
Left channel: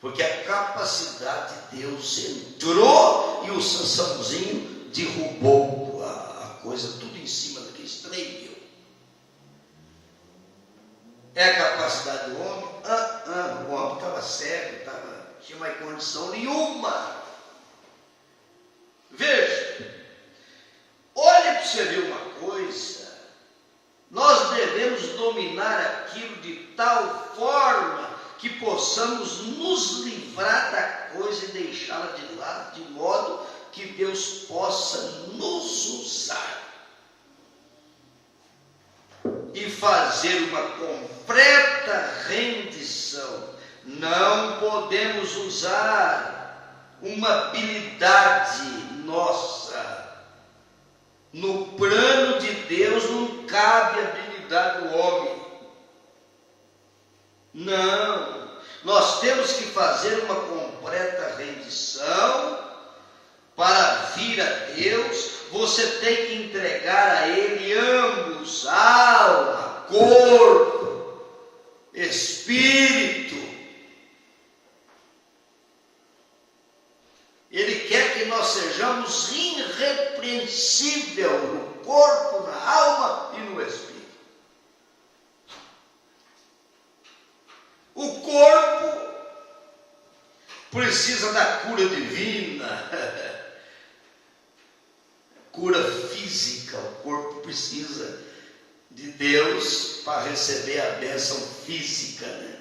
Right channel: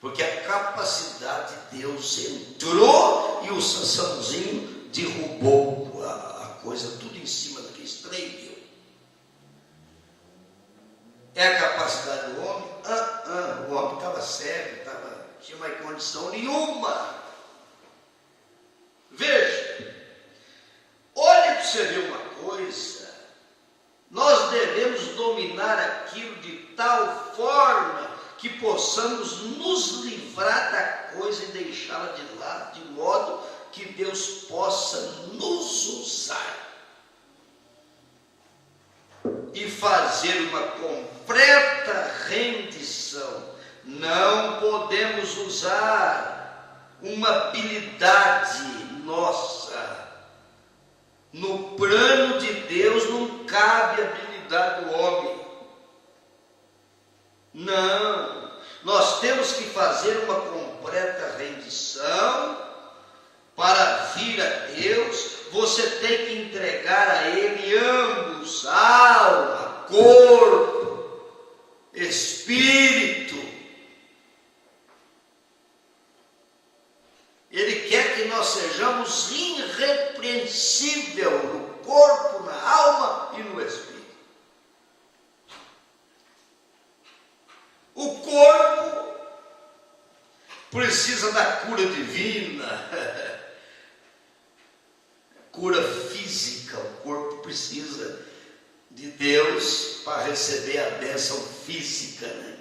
porque a capacidade de Deus entrou e o Sansãozinho derrubou a coisa tudo em cima daqueles 3.000. É a capacidade do homem? O homem estava cego, tinha mais condição nenhuma. Veja, olha para você ver uma coisa. Nós devemos dominar aquilo de tal forma que possamos nos livrar da coisa e deixá-la de lado, de modo que Deus possa nos usar e fazer uma completa rendição. Não podemos usar uma habilidade nossa. No plano de Deus não cabe a habilidade do homem. Não. Nós temos que fazer uma completa rendição para vir a Deus. Você tem que entregar a Ele ambos, alma, corpo, espírito. Ele quer que nós sejamos irrepreensíveis no corpo, na alma e no espírito. O corpo precisa da cura divina, cura física. O corpo precisa de Deus para receber a bênção física, né?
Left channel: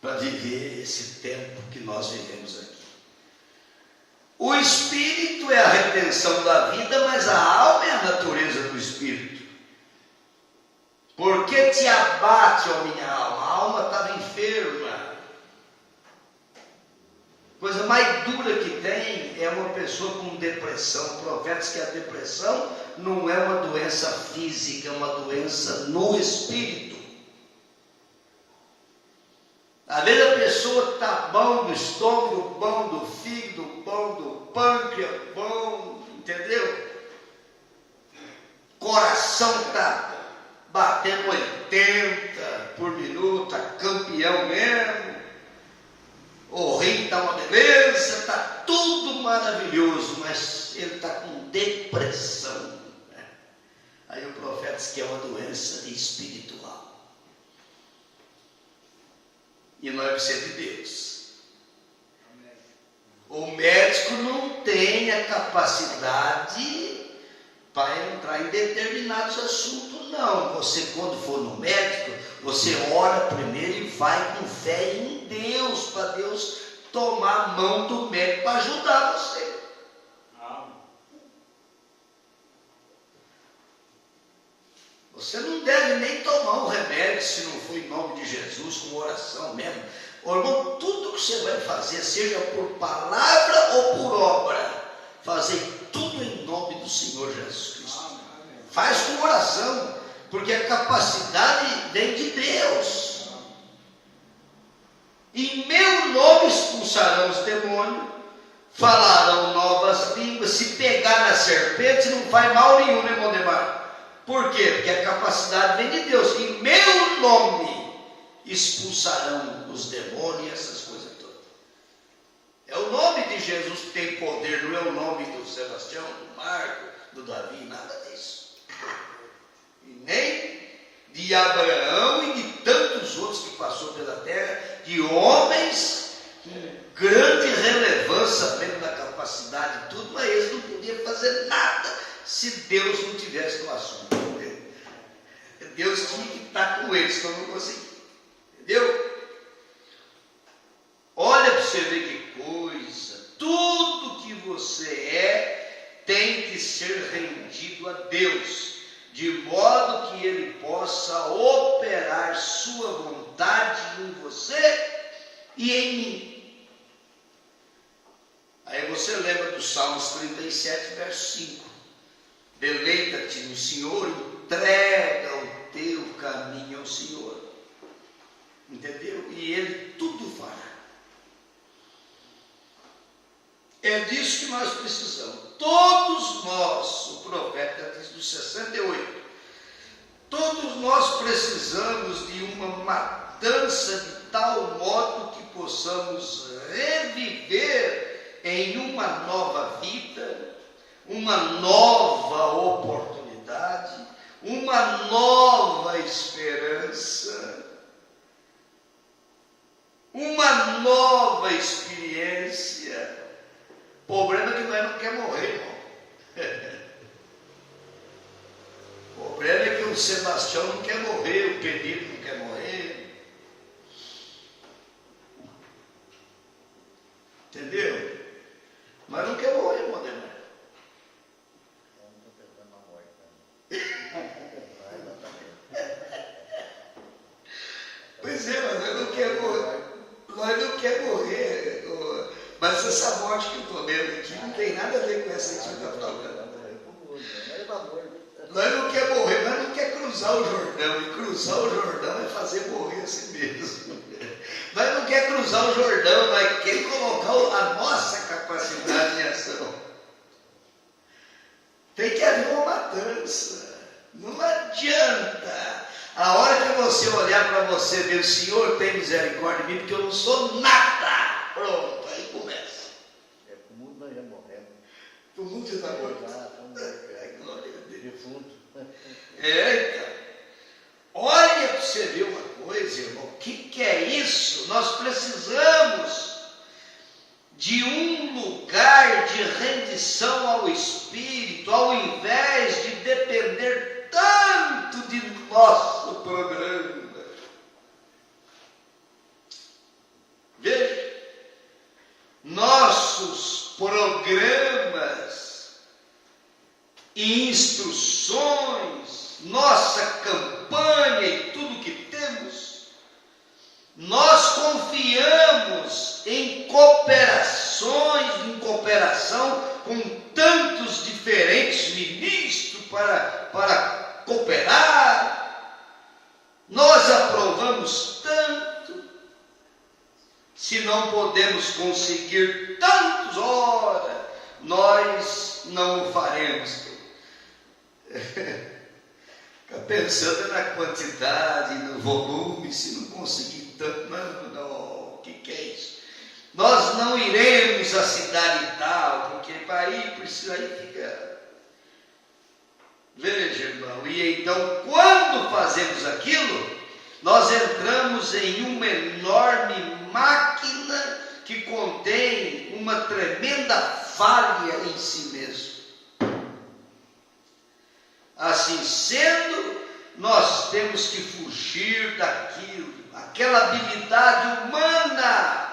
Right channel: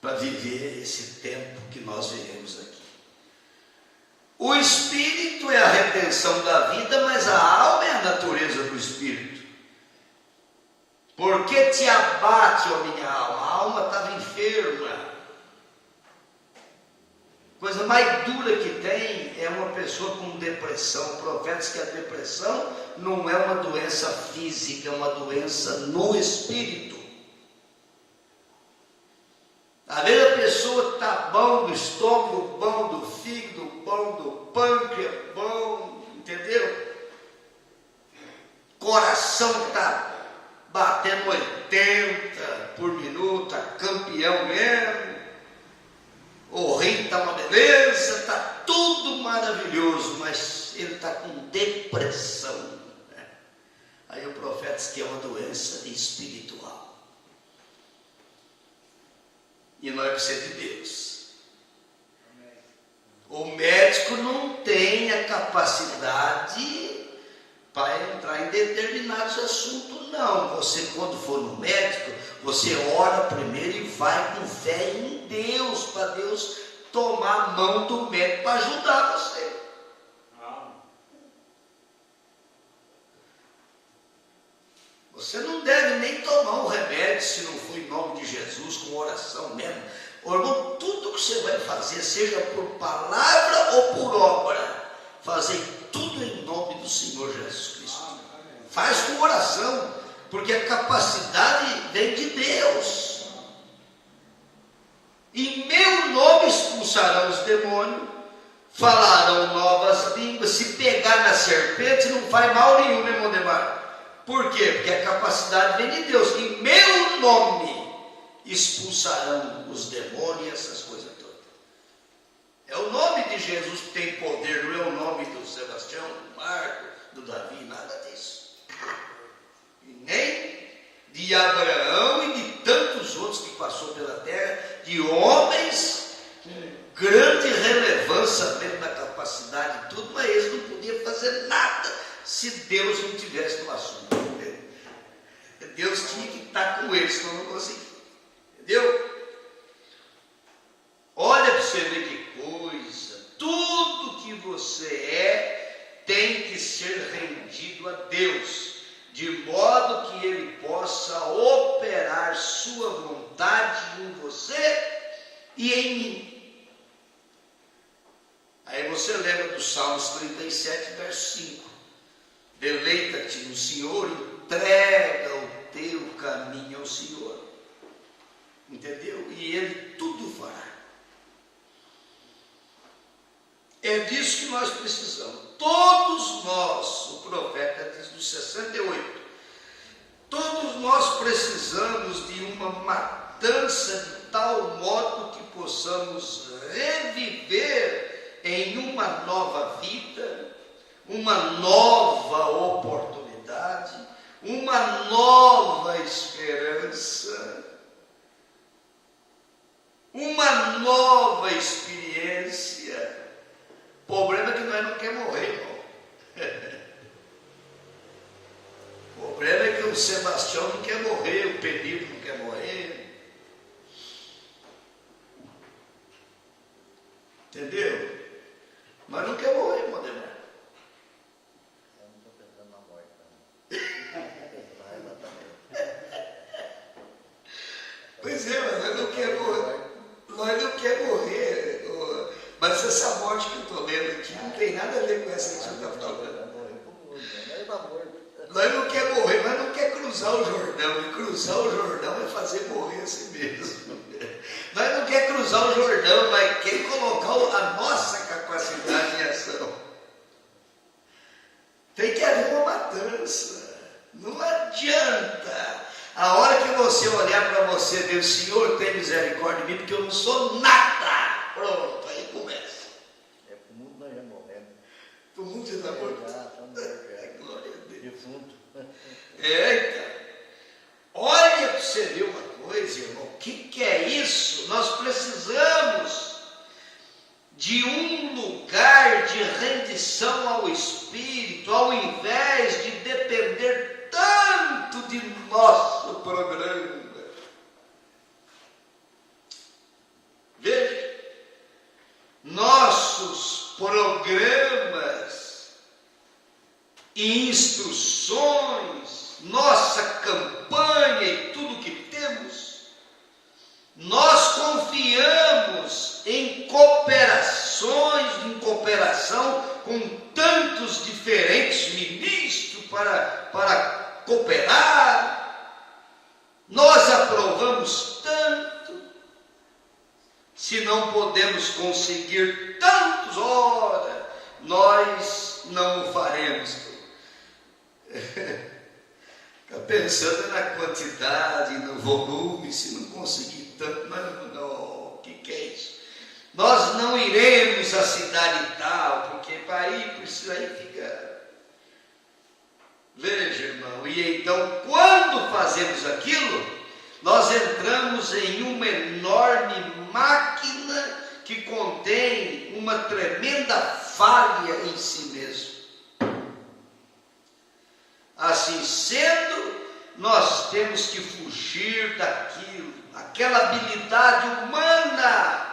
Para viver esse tempo que nós vivemos aqui. O espírito é a retenção da vida, mas a alma é a natureza do espírito. Por que te abate, ó minha alma? A alma estava enferma. Coisa mais dura que tem é uma pessoa com depressão. O profeta diz que a depressão não é uma doença física, é uma doença no espírito. Às vezes a pessoa está bom do estômago, bom do fígado, bom do pâncreas, bom, entendeu? Coração está batendo 80 por minuto, está campeão mesmo. O rim está uma beleza, está tudo maravilhoso, mas ele está com depressão. Aí o profeta diz que é uma doença espiritual. E nós precisamos de Deus. O médico não tem a capacidade para entrar em determinados assuntos, não. Você, quando for no médico, você ora primeiro e vai com fé em Deus, para Deus tomar a mão do médico para ajudar você. Você não deve nem tomar um remédio se não for em nome de Jesus, com oração mesmo. Ô, irmão, tudo que você vai fazer, seja por palavra ou por obra, fazer tudo em nome do Senhor Jesus Cristo. Faz com oração, porque a capacidade vem de Deus. Em meu nome expulsarão os demônios, falarão novas línguas. Se pegar na serpente não faz mal nenhum, né, irmão Demar? Por quê? Porque a capacidade vem de Deus. Em meu nome expulsarão os demônios e essas coisas todas. É o nome de Jesus que tem poder, não é o nome do Sebastião, do Marco, do Davi, nada disso. E nem de Abraão e de tantos outros que passou pela terra, de homens com grande relevância dentro da capacidade e tudo, mas eles não podiam fazer nada se Deus não tivesse no assunto. Deus tinha que estar com eles, então não conseguia. Entendeu? Olha para você ver que coisa. Tudo que você é tem que ser rendido a Deus, de modo que Ele possa operar sua vontade em você e em mim. Aí você lembra do Salmos 37, verso 5. Deleita-te no Senhor, entrega o teu caminho ao Senhor. Entendeu? E Ele tudo fará. É disso que nós precisamos. Todos nós, o profeta diz no 68, todos nós precisamos de uma matança de tal modo que possamos reviver em uma nova vida, uma nova oportunidade, uma nova esperança, uma nova experiência. O problema é que nós não queremos morrer, irmão. O problema é que o Sebastião não quer morrer, o Pedro não quer morrer. Entendeu? Nós não queremos morrer, irmão. Pois é, mas nós não queremos morrer. Nós não queremos morrer. Mas essa morte que eu estou vendo aqui não tem nada a ver com essa que você está falando. Nós não queremos morrer, nós não queremos cruzar o Jordão. E cruzar o Jordão é fazer morrer a si mesmo. Nós não queremos cruzar o Jordão, nós queremos colocar a nossa capacidade em ação. Tem que haver uma matança. Não adianta. A hora que você olhar para você e ver, o Senhor tem misericórdia de mim, porque eu não sou nada. Pronto, aí começa. O mundo nós já morremos. O mundo já está morto. Glória a Deus. Defunto. Então. Olha para você ver uma coisa, irmão. O que é isso? Nós precisamos de um lugar de rendição ao Espírito, ao invés de depender tanto de nosso programa. Veja, nossos programas e instruções, nossa campanha e tudo que temos, nós confiamos em cooperação com tantos diferentes ministros para cooperar. Nós aprovamos tanto, se não podemos conseguir tantos, ora, nós não o faremos. Fica pensando na quantidade, no volume, se não conseguir tanto, não, o que é isso? Nós não iremos à cidade tal, porque para ir precisa ir ficar. Veja, irmão, e então quando fazemos aquilo, nós entramos em uma enorme máquina que contém uma tremenda falha em si mesmo. Assim sendo, nós temos que fugir daquilo, aquela habilidade humana.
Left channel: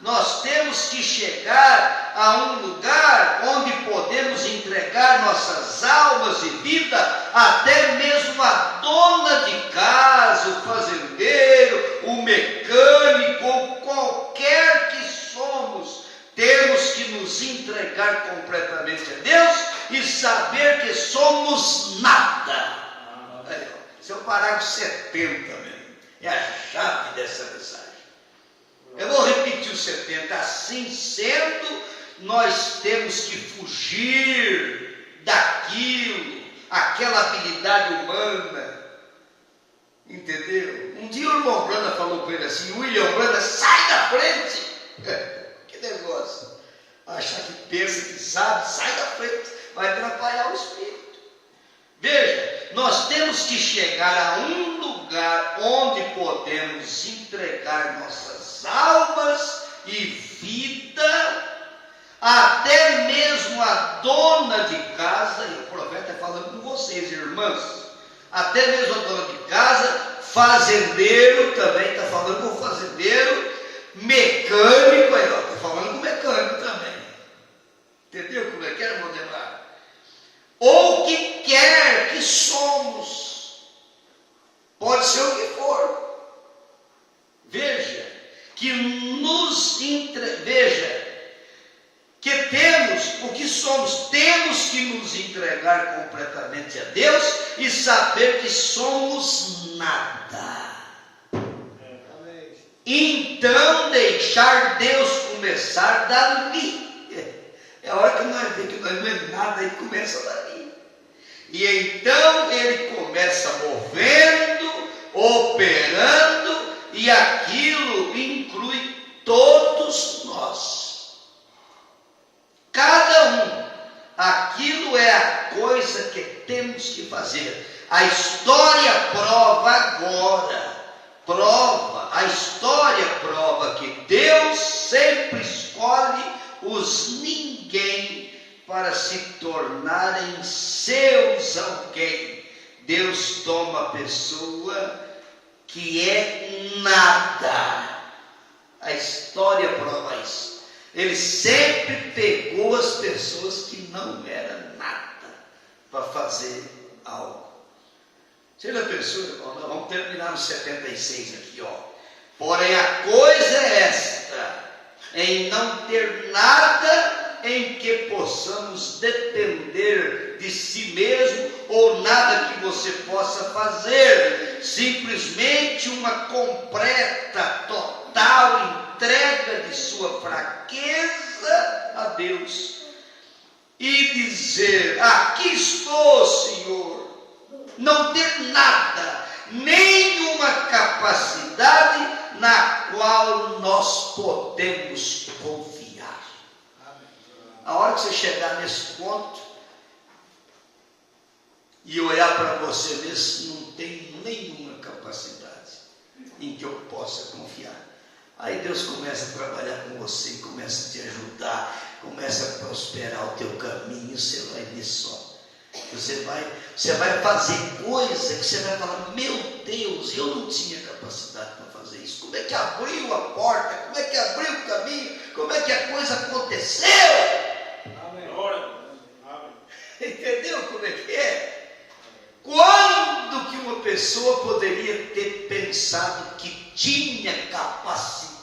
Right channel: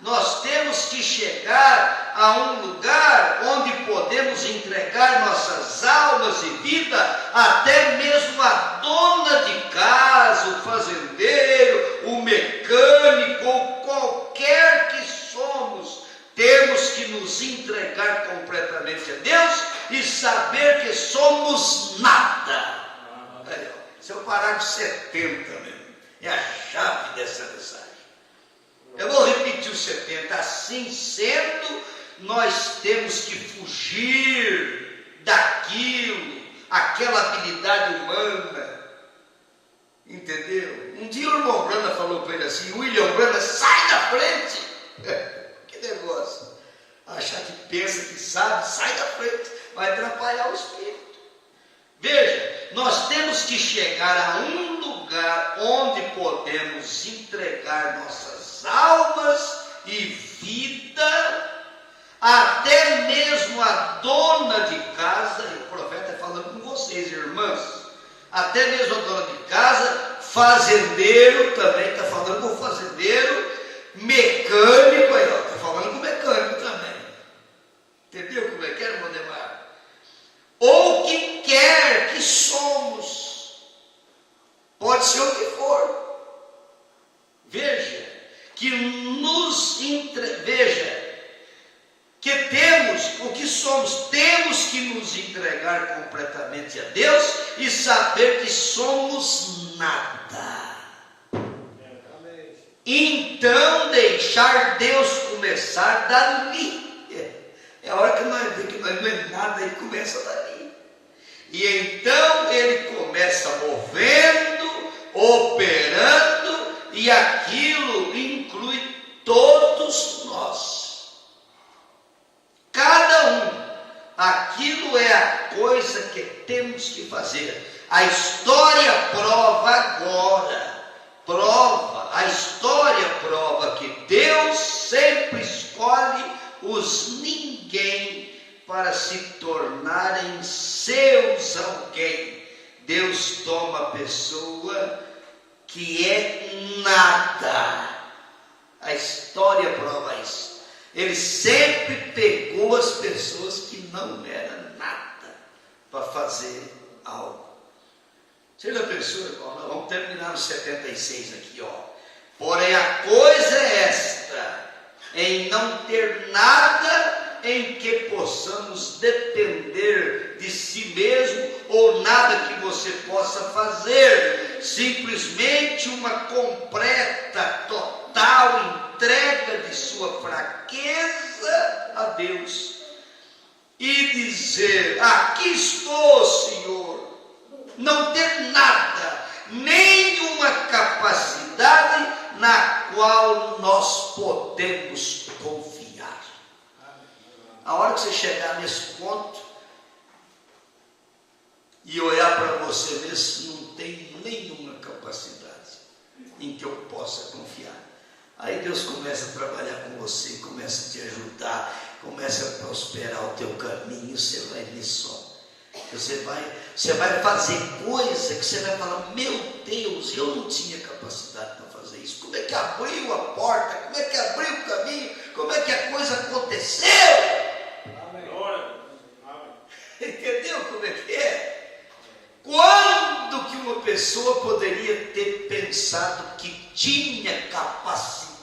Nós temos que chegar a um lugar onde podemos entregar nossas almas e vida, até mesmo a dona de casa, o fazendeiro, o mecânico, ou qualquer que somos, temos que nos entregar completamente a Deus e saber que somos nada. Esse é o parágrafo 70 mesmo, é a chave dessa mensagem. Eu vou repetir o 70. Assim sendo, nós temos que fugir daquilo, aquela habilidade humana. Entendeu? Um dia o irmão Brana falou com ele assim: William Brana, sai da frente. Que negócio. Achar que pensa que sabe, sai da frente. Vai atrapalhar o espírito. Veja, nós temos que chegar a um lugar onde podemos entregar nossas almas e vida, até mesmo a dona de casa, e o profeta está falando com vocês, irmãs, até mesmo a dona de casa, fazendeiro também, está falando com o fazendeiro, mecânico, aí está falando com o mecânico também. Entendeu como é que é, irmão Demar? Ou que quer que somos, pode ser o que for. Veja, que temos o que somos, temos que nos entregar completamente a Deus e saber que somos nada. Então deixar Deus começar dali. É a hora que nós vemos que nós não é nada, ele começa dali. E então ele começa movendo, operando, e aquilo inclui todos nós. Cada um. Aquilo é a coisa que temos que fazer. A história prova agora. A história prova que Deus sempre escolhe os ninguém para se tornarem seus alguém. Deus toma a pessoa que é nada. A história prova isso. Ele sempre pegou as pessoas que não eram nada para fazer algo. Você já pensou, irmão? Nós vamos terminar no 76 aqui, ó. Porém, a coisa é esta: em não ter nada em que possamos depender de si mesmo, ou nada que você possa fazer, simplesmente uma completa, total total entrega de sua fraqueza a Deus e dizer: aqui estou, Senhor, não ter nada, nenhuma capacidade na qual nós podemos confiar. A hora que você chegar nesse ponto e olhar para você mesmo, não tem nenhuma capacidade em que eu possa confiar. Aí Deus começa a trabalhar com você, começa a te ajudar, começa a prosperar o teu caminho, você vai ver só. Você vai fazer coisa que você vai falar: meu Deus, eu não tinha capacidade para fazer isso. Como é que abriu a porta? Como é que abriu o caminho? Como é que a coisa aconteceu? Amém. Entendeu como é que é? Quando que uma pessoa poderia ter pensado que tinha capacidade,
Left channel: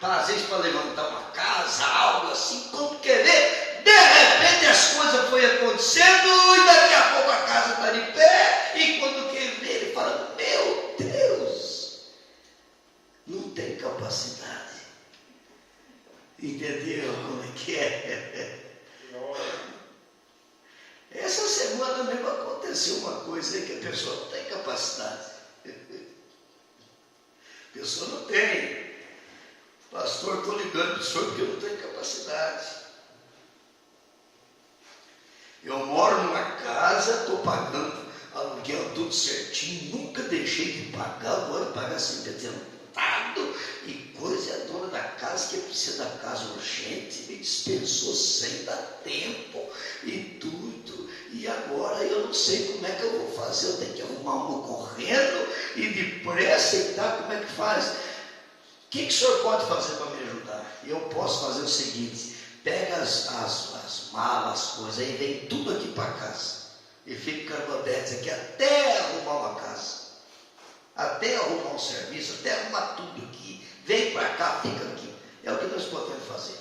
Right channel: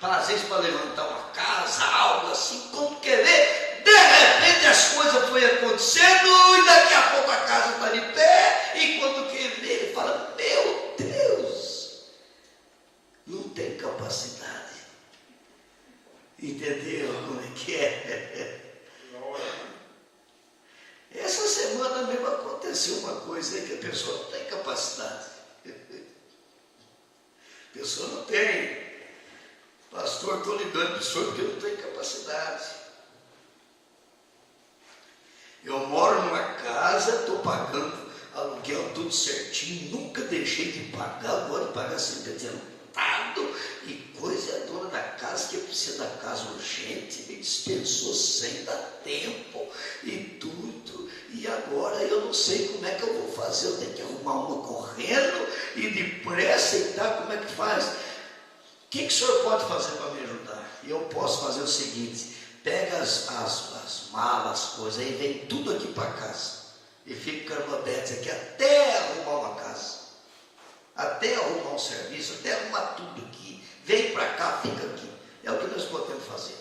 às vezes, para levantar uma casa, algo assim, quando quer ver, de repente as coisas foram acontecendo e daqui a pouco a casa está de pé, e quando quer ver, ele fala: meu Deus, não tem capacidade. Entendeu como é que é? Essa semana mesmo aconteceu uma coisa aí, que a pessoa não tem capacidade. A pessoa não tem. Pastor, estou ligando para o senhor porque eu não tenho capacidade. Eu moro numa casa, estou pagando aluguel tudo certinho, nunca deixei de pagar, agora pagar sempre adiantado, e coisa, é a dona da casa que precisa da casa urgente, me dispensou sem dar tempo e tudo, e agora eu não sei como é que eu vou fazer, eu tenho que arrumar uma correndo e depressa e tal, como é que faz? O que o senhor pode fazer para me ajudar? Eu posso fazer o seguinte: pega as malas, as coisas, aí vem tudo aqui para casa. E fica carbonete aqui até arrumar uma casa. Até arrumar um serviço, até arrumar tudo aqui. Vem para cá, fica aqui. É o que nós podemos fazer.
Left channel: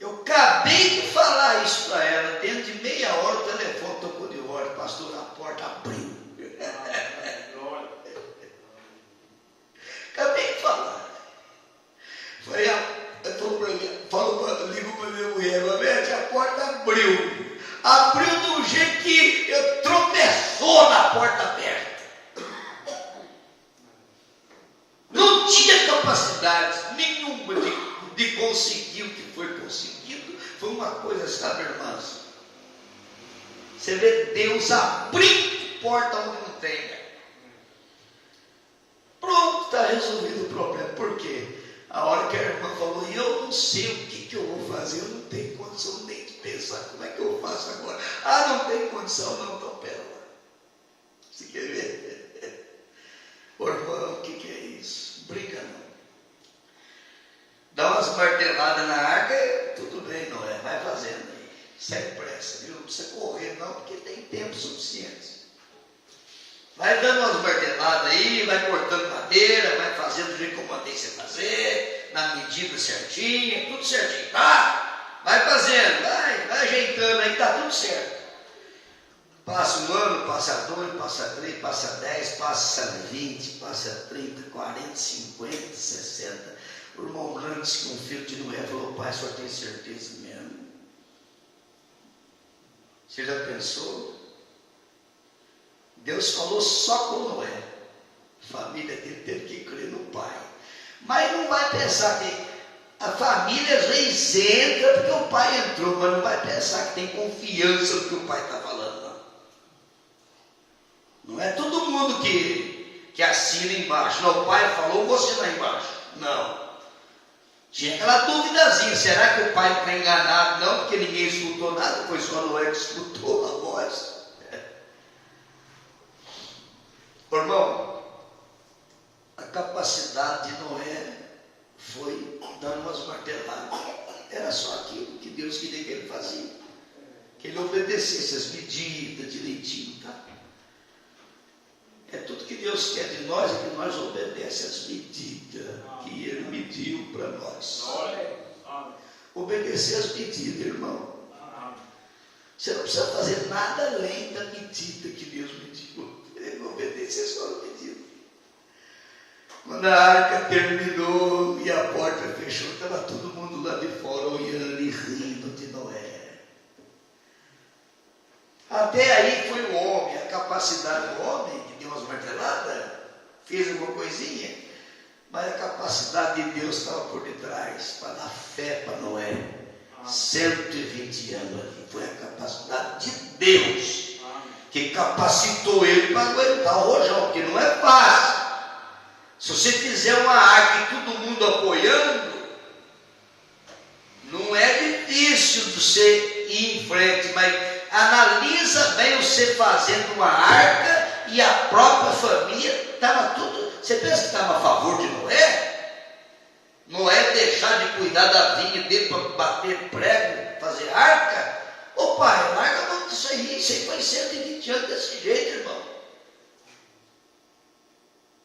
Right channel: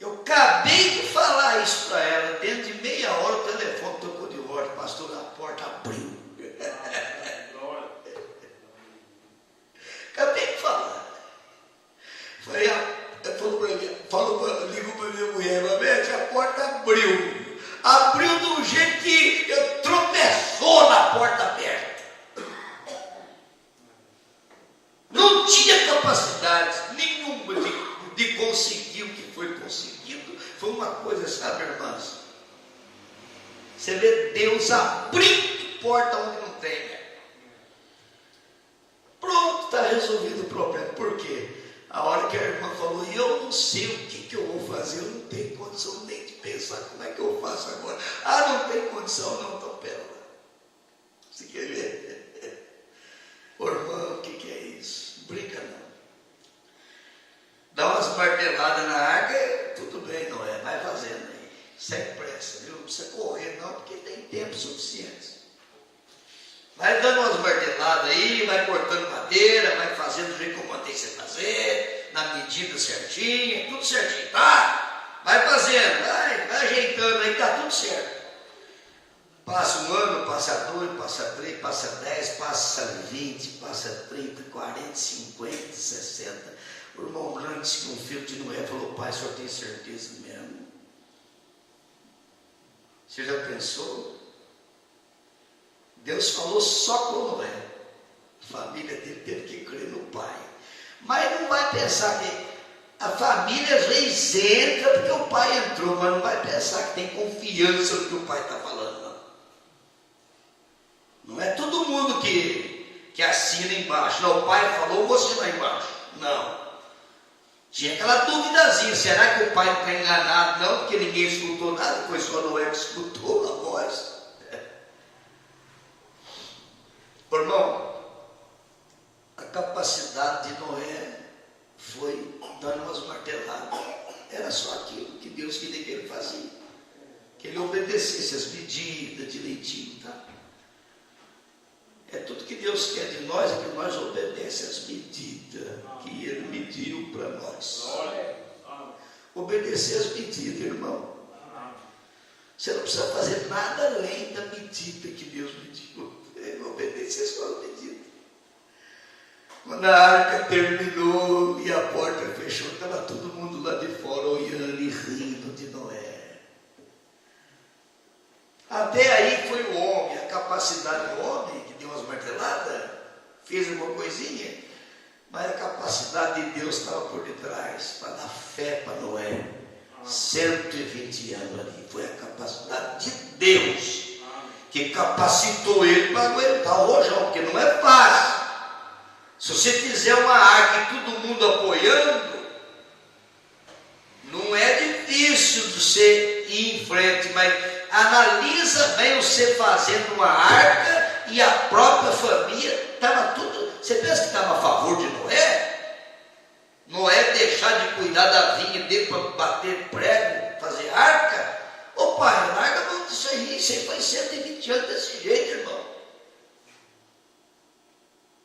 Eu acabei de falar isso para ela. Dentro de meia hora o telefone tocou de ordem. Pastor, a porta abriu. Acabei de falar. Ligou para minha mulher: a porta abriu. Abriu de um jeito que eu tropeçou na porta aberta. Não tinha capacidade nenhuma de conseguir o que foi conseguido. Foi uma coisa, sabe, irmãs? Você vê Deus abrindo porta onde não tem. Pronto, está resolvido o problema. Por quê? A hora que a irmã falou: eu não sei o que eu vou fazer, eu não tenho condição nem de pensar como é que eu faço agora. Não tem condição não, então pera lá. Você quer ver? Ô irmão, o que é isso? Brinca não. Dá umas marteladas na arca, tudo bem, não é? Vai fazendo aí, sem pressa, viu? Não precisa correr não, porque tem tempo suficiente. Vai dando umas marteladas aí, vai cortando madeira, vai fazendo do jeito como tem que fazer, na medida certinha, tudo certinho, tá? Vai fazendo, vai ajeitando aí, tá tudo certo. Passa um ano, passa 2, passa 3, passa 10, passa 20, passa 30, 40, 50, 60. O irmão Ranks, que um filho de Noé, falou: pai, o senhor tem certeza mesmo? Você já pensou? Deus falou só com Noé. A família dele teve que crer no pai. Mas não vai pensar que a família às vezes entra porque o pai entrou, mas não vai pensar que tem confiança no que o pai está falando, não. Não é todo mundo que assina embaixo. Não, o pai falou, você lá embaixo. Não. Tinha aquela duvidazinha: será que o pai não está enganado? Não, porque ninguém escutou nada, foi só Noé que escutou a voz. Irmão, a capacidade de Noé foi dando umas marteladas. Era só aquilo que Deus queria que ele fazia, que ele obedecesse as medidas direitinho, tá? É tudo que Deus quer de nós, é que nós obedecemos as medidas que ele mediu para nós. Obedecer as medidas, irmão. Você não precisa fazer nada além da medida que Deus mediu. Ele obedecer. Esse é só o pedido. Quando a arca terminou e a porta fechou, estava todo mundo lá de fora olhando e rindo de Noé. Até aí foi o homem, a capacidade do homem, que deu umas marteladas, fez alguma coisinha, mas a capacidade de Deus estava por detrás, para dar fé para Noé. 120 anos ali, foi a capacidade de Deus que capacitou ele para aguentar o rojão, porque não é fácil. Se você fizer uma arca e todo mundo apoiando, não é difícil você ir em frente, mas analisa bem você fazendo uma arca e a própria família, estava tudo. Você pensa que estava a favor de Noé? Noé deixar de cuidar da vinha dele para bater prego, fazer arca? Ô pai, larga muito isso aí foi 120 anos desse jeito, irmão.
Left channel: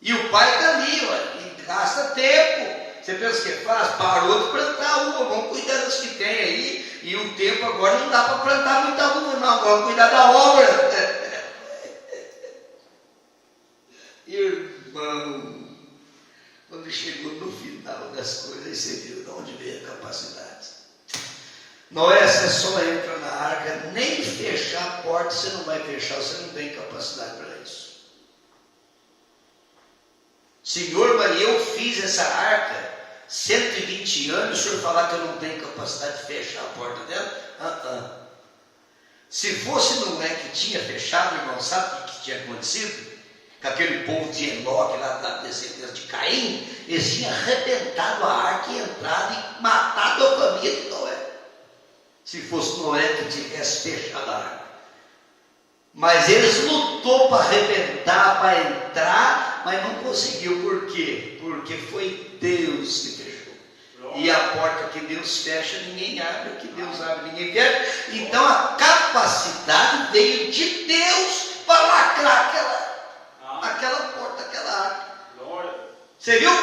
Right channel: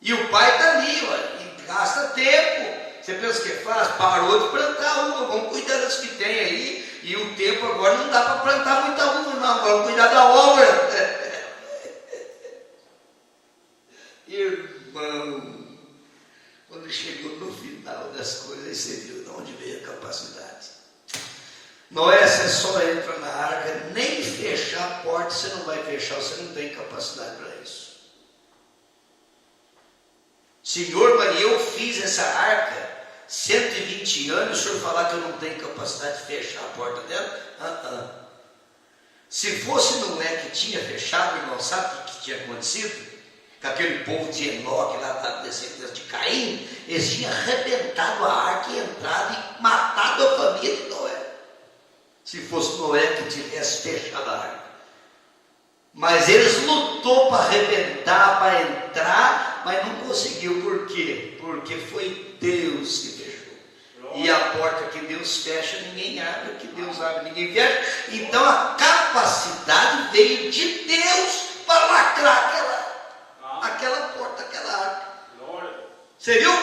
E o pai está ali, e gasta tempo. Você pensa que é fácil? Parou de plantar uva, vamos cuidar das que tem aí. E o tempo agora não dá para plantar muita uva, não, vamos cuidar da obra. Irmão, quando chegou no final das coisas, você viu de onde veio a capacidade. Noé, você só entra na arca, nem fechar a porta você não vai fechar, você não tem capacidade para isso. Senhor, mas eu fiz essa arca 120 anos, o senhor falar que eu não tenho capacidade de fechar a porta dela? Se fosse Noé que tinha fechado, irmão, sabe o que tinha acontecido? Com aquele povo de Enoque, lá da descendência de Caim, eles tinham arrebentado a arca e entrado e matado a família de Noé. Se fosse Noé que tivesse fechado a arca. Mas eles lutou para arrebentar, para entrar, mas não conseguiu. Por quê? Porque foi Deus que fechou. E a porta que Deus fecha, ninguém abre. Que Deus abre, ninguém fecha. Então a capacidade veio de Deus para lacrar aquela porta, aquela arca. Você viu?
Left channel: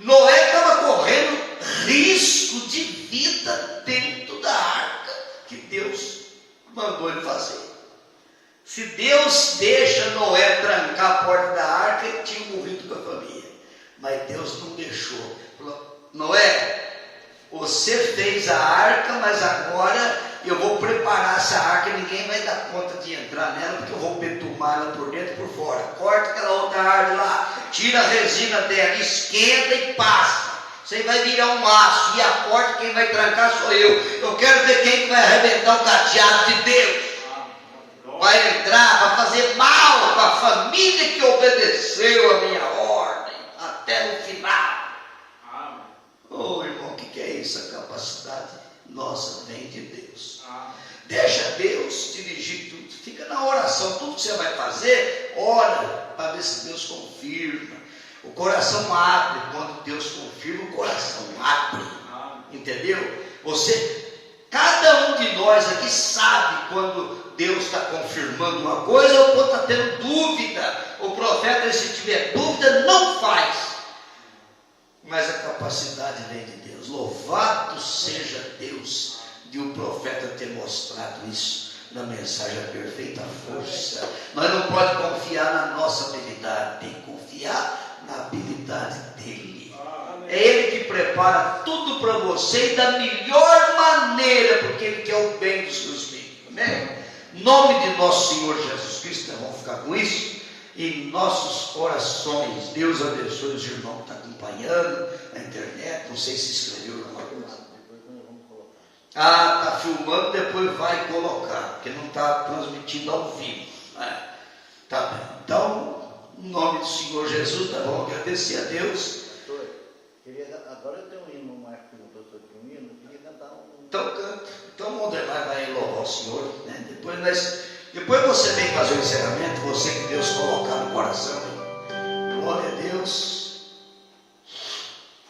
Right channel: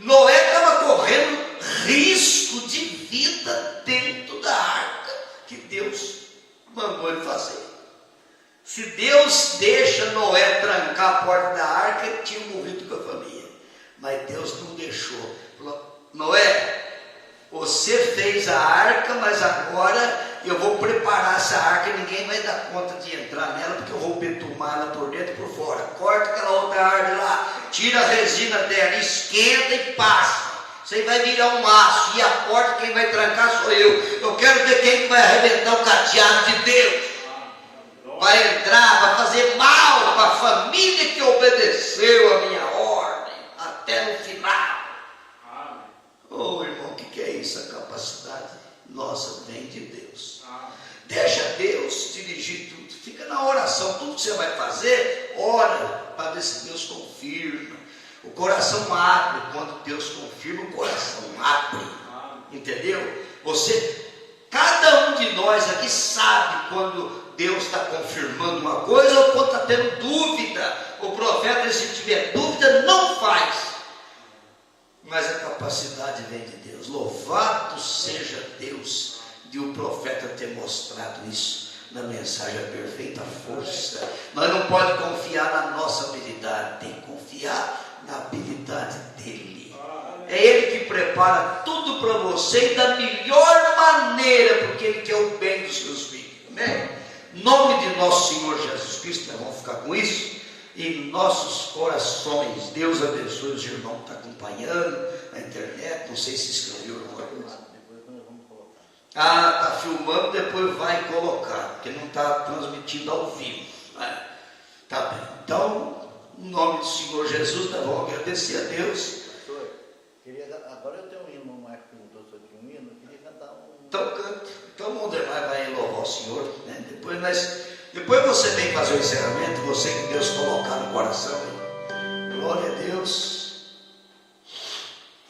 Noé estava correndo risco de vida dentro da arca que Deus mandou ele fazer. Se Deus deixa Noé trancar a porta da arca, ele tinha morrido com a família. Mas Deus não deixou. Falou, Noé, você fez a arca, mas agora eu vou preparar essa arca, ninguém vai dar conta de entrar nela, porque eu vou betumar ela por dentro e por fora. Corta aquela outra árvore lá, tira a resina dela, esquenta e passa. Você vai virar um aço, e a porta quem vai trancar sou eu. Eu quero ver quem vai arrebentar o cadeado de Deus. Vai entrar, vai fazer mal para a família que obedeceu a minha ordem até o final. Oh, irmão, o que é isso? A capacidade nossa vem de Deus. Deixa Deus dirigir tudo. Fica na oração, tudo que você vai fazer, ora para ver se Deus confirma. O coração abre, quando Deus confirma, o coração abre. Entendeu? Cada um de nós aqui sabe quando Deus está confirmando uma coisa ou quando está tendo dúvida. O profeta, se tiver dúvida, não faz. Mas a capacidade vem de Deus. Louvado seja Deus de o profeta ter mostrado isso na mensagem A Perfeita Força. Nós não podemos confiar na nossa habilidade, tem que confiar na habilidade dele. É ele que prepara tudo para você e da melhor maneira, porque ele quer o bem dos seus filhos. Amém? Em nome de nosso Senhor Jesus Cristo, nós vamos ficar com isso em nossos corações. Deus abençoe os irmãos que estão acompanhando na internet. Não sei se escreveu alguma coisa. Está filmando, depois vai colocar, porque não está transmitindo ao vivo. Tá bem. Então, em nome do Senhor Jesus, nós vamos agradecer a Deus. Agora eu tenho um hino, Marco perguntou sobre um hino, eu queria cantar um. Então canta. Então o Mondenai vai louvar o Senhor, né? Depois você vem fazer o encerramento, você que Deus colocar no coração. Glória a Deus.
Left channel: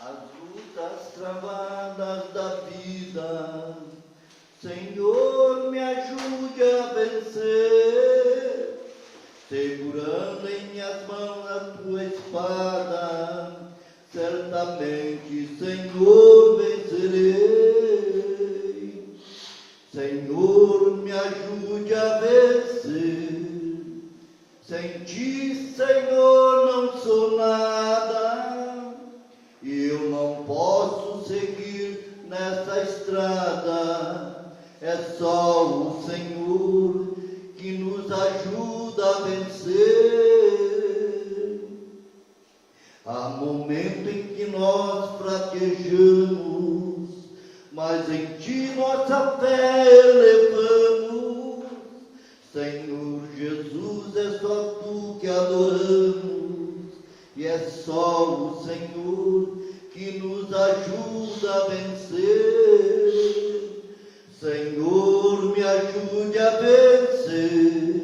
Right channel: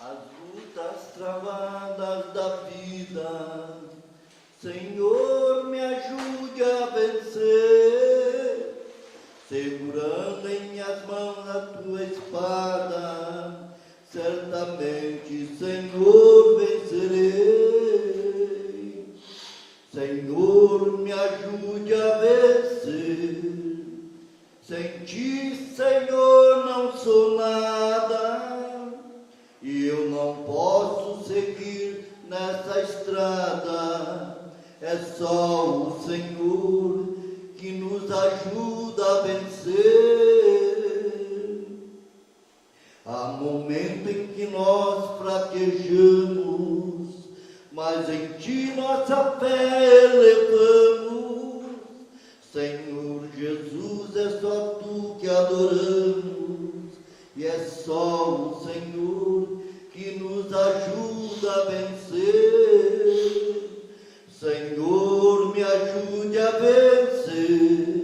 As lutas travadas da vida, Senhor, me ajude a vencer, segurando em minhas mãos a tua espada, certamente, Senhor, vencerei. Senhor, me ajude a vencer, sem ti, Senhor. nessa estrada. É só o Senhor que nos ajuda a vencer. Há momento em que nós fraquejamos, mas em Ti nossa fé elevamos. Senhor Jesus, é só Tu que adoramos, e é só o Senhor que nos ajuda a vencer. Senhor, me ajude a vencer.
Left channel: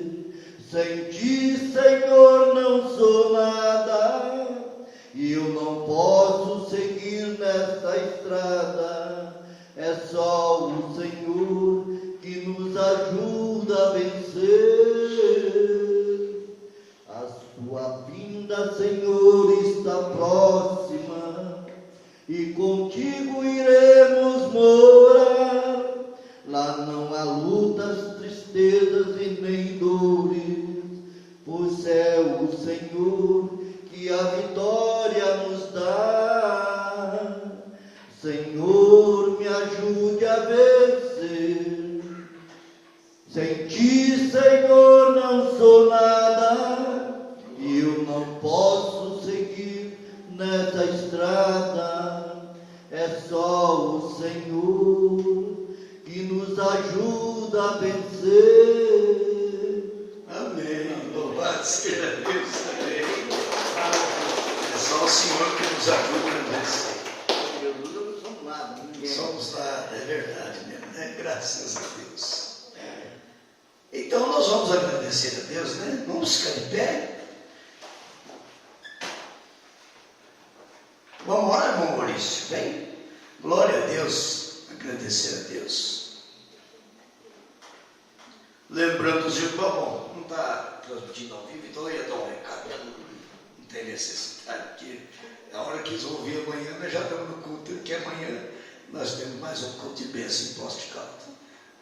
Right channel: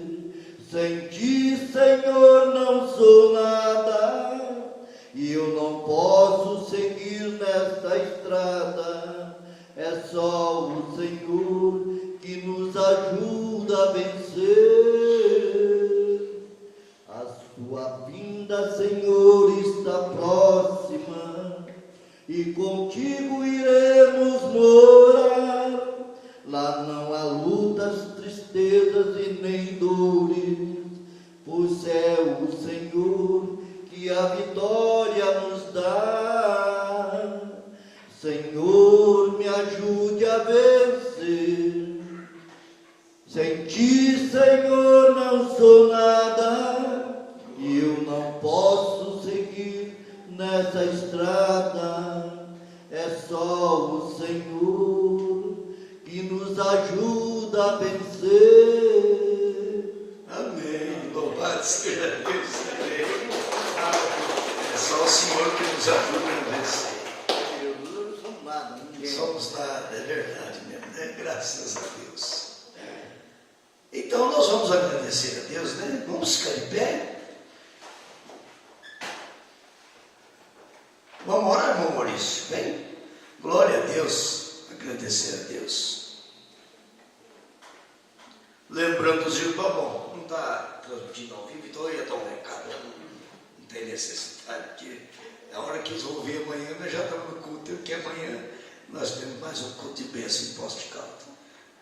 Sem Ti, Senhor, não sou nada, e eu não posso seguir nessa estrada. É só o Senhor que nos ajuda a vencer. A Sua vinda, Senhor, está próxima, e contigo iremos morar. Lá não há lutas, tristezas e nem dores, pois é o Senhor que a vitória nos dá. Senhor, me ajude a vencer. Sem Ti, Senhor, não sou nada, e eu não posso seguir nessa estrada. É só o Senhor que nos ajuda a vencer. Amém. Louvado seja Deus. Amém. É só o Senhor que nos ajuda a vencer. Eu não sou nada, ninguém. Somos nada, é verdade mesmo, né? Graças a Deus. Então nós vamos agradecer a Deus, né? Vamos ficar de pé. Vamos orar, irmão Maurício. Bem, glória a Deus, agradecer a Deus. Lembrando os irmãos, bom, não está transmitindo ao vivo, então eu ia dar um recado, não tem necessidade, porque a hora que eles vão ouvir amanhã, nós já estamos no culto, porque amanhã nós temos mais um culto de bênção em Poços de Caldas.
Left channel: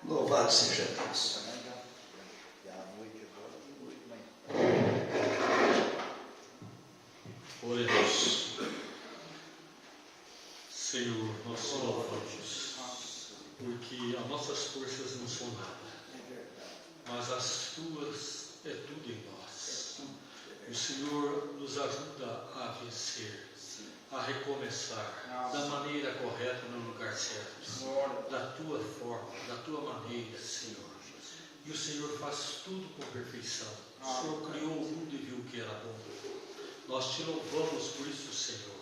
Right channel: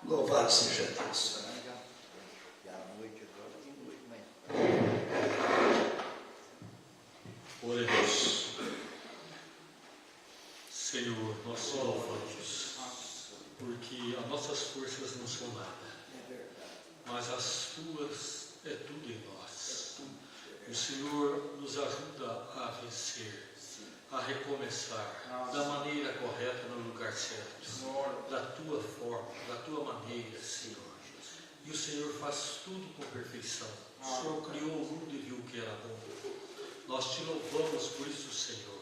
Louvado seja Deus. Glória a Deus. Senhor, nós te louvamos, porque as nossas forças não são nada, mas as Tuas é tudo em nós. O Senhor nos ajuda a vencer, a recomeçar da maneira correta, no lugar certo, da Tua forma, da Tua maneira, Senhor. E o Senhor faz tudo com perfeição. O Senhor criou o mundo e viu que era bom. Nós te louvamos por isso, Senhor,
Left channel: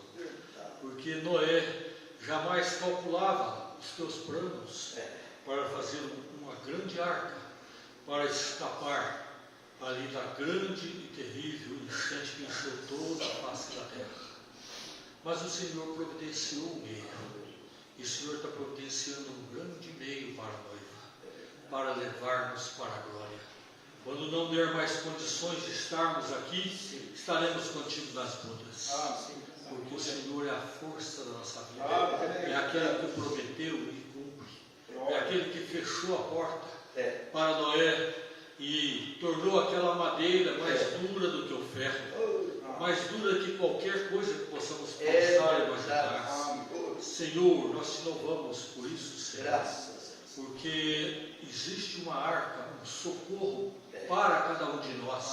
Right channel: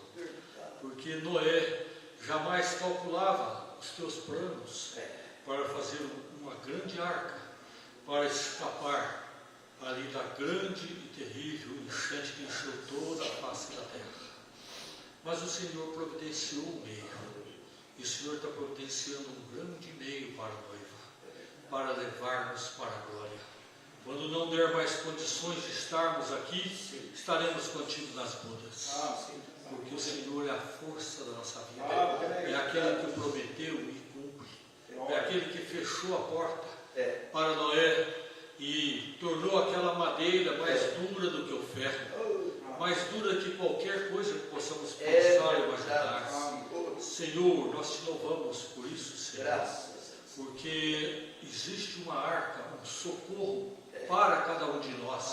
porque Noé jamais calculava os teus planos para fazer uma grande arca, para escapar ali da grande e terrível enchente que encheu toda a face da terra. Mas o Senhor providenciou um meio, e o Senhor está providenciando um grande meio para a noiva, para levar-nos para a glória. Quando não der mais condições de estarmos aqui, estaremos contigo nas bodas. Porque o Senhor é a força da nossa vida. É aquele que prometeu e cumpre. É aquele que fechou a porta para Noé e tornou aquela madeira mais dura do que o ferro, mais dura que qualquer coisa que possamos pensar e imaginar. Senhor, nós te louvamos por isso, Senhor, porque existe uma arca, um socorro para cada um de nós.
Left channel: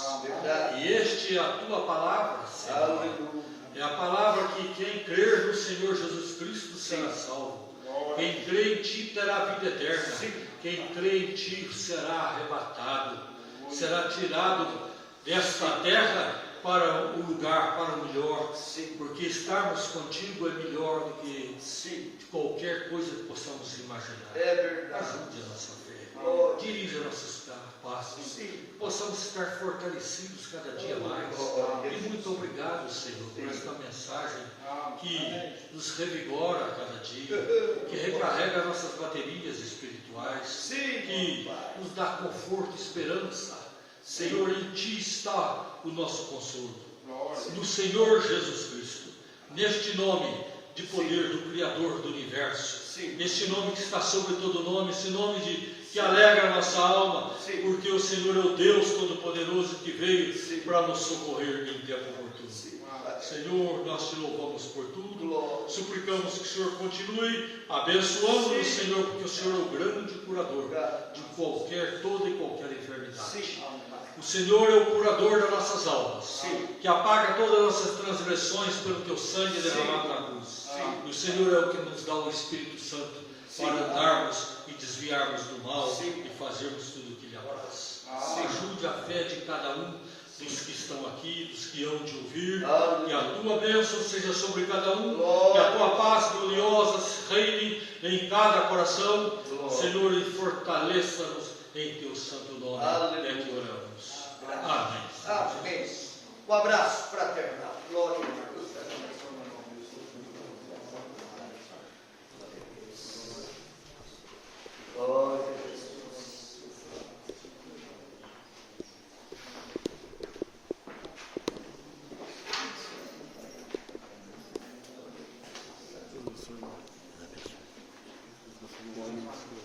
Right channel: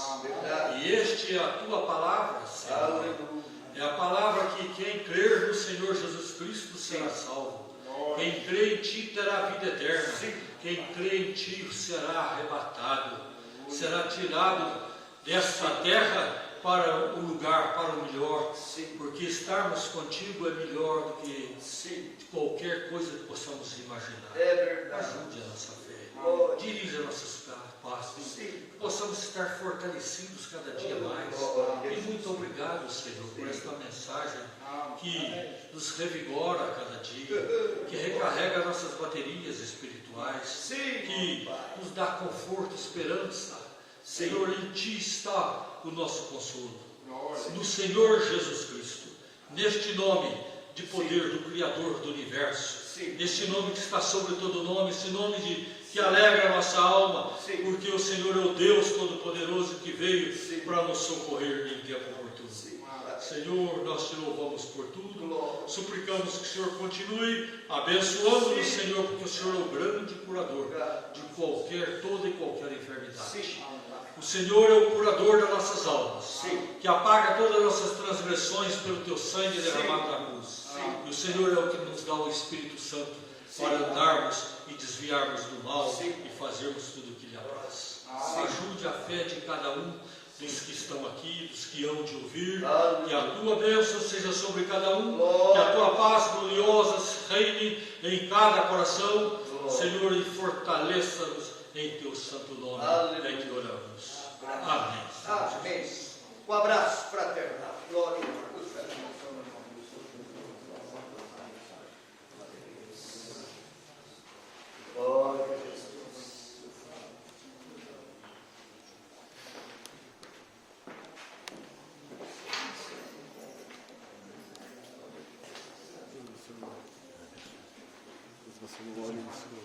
E este é a Tua palavra, Senhor. É a palavra que quem crer no Senhor Jesus Cristo será salvo. Quem crê em Ti terá a vida eterna. Quem crê em Ti será arrebatado, será tirado desta terra para o lugar, para o melhor. Porque estarmos contigo é melhor do que qualquer coisa que possamos imaginar. Ajude a nossa fé, dirija nossos passos, possamos estar fortalecidos cada dia mais. E muito obrigado, Senhor, por esta mensagem que nos revigora a cada dia, que recarrega nossas baterias espirituais, que nos dá conforto e esperança. Senhor, em Ti está o nosso consolo, no Senhor Jesus Cristo, neste nome de poder do Criador do Universo, este nome que está sobre todo nome, esse nome que alegra a nossa alma, porque o Senhor é o Deus Todo-Poderoso que veio para nos socorrer em tempo oportuno. Senhor, nós te louvamos por tudo. Glória. Suplicamos que o Senhor continue abençoando-nos, Senhor, porque o Senhor é o grande curador de toda e qualquer enfermidade. Sim. O Senhor é o curador das nossas almas, Sim. que apaga todas as nossas transgressões pelo teu sangue derramado na cruz. Sim. E o Senhor é o que nos dá o Espírito Santo para andarmos e desviarmos do mal e fazermos tudo o que lhe apraz. Ajude a fé de cada um dos que estão aqui, dos que hão de ouvir, que a tua bênção seja sobre cada um, que a tua paz gloriosa reine em cada coração, Senhor, e fortaleça-nos em teu santo nome. É que oramos. Amém. Amém. Um abraço fraternal. Glória a Deus. Glória a Deus. Senhor.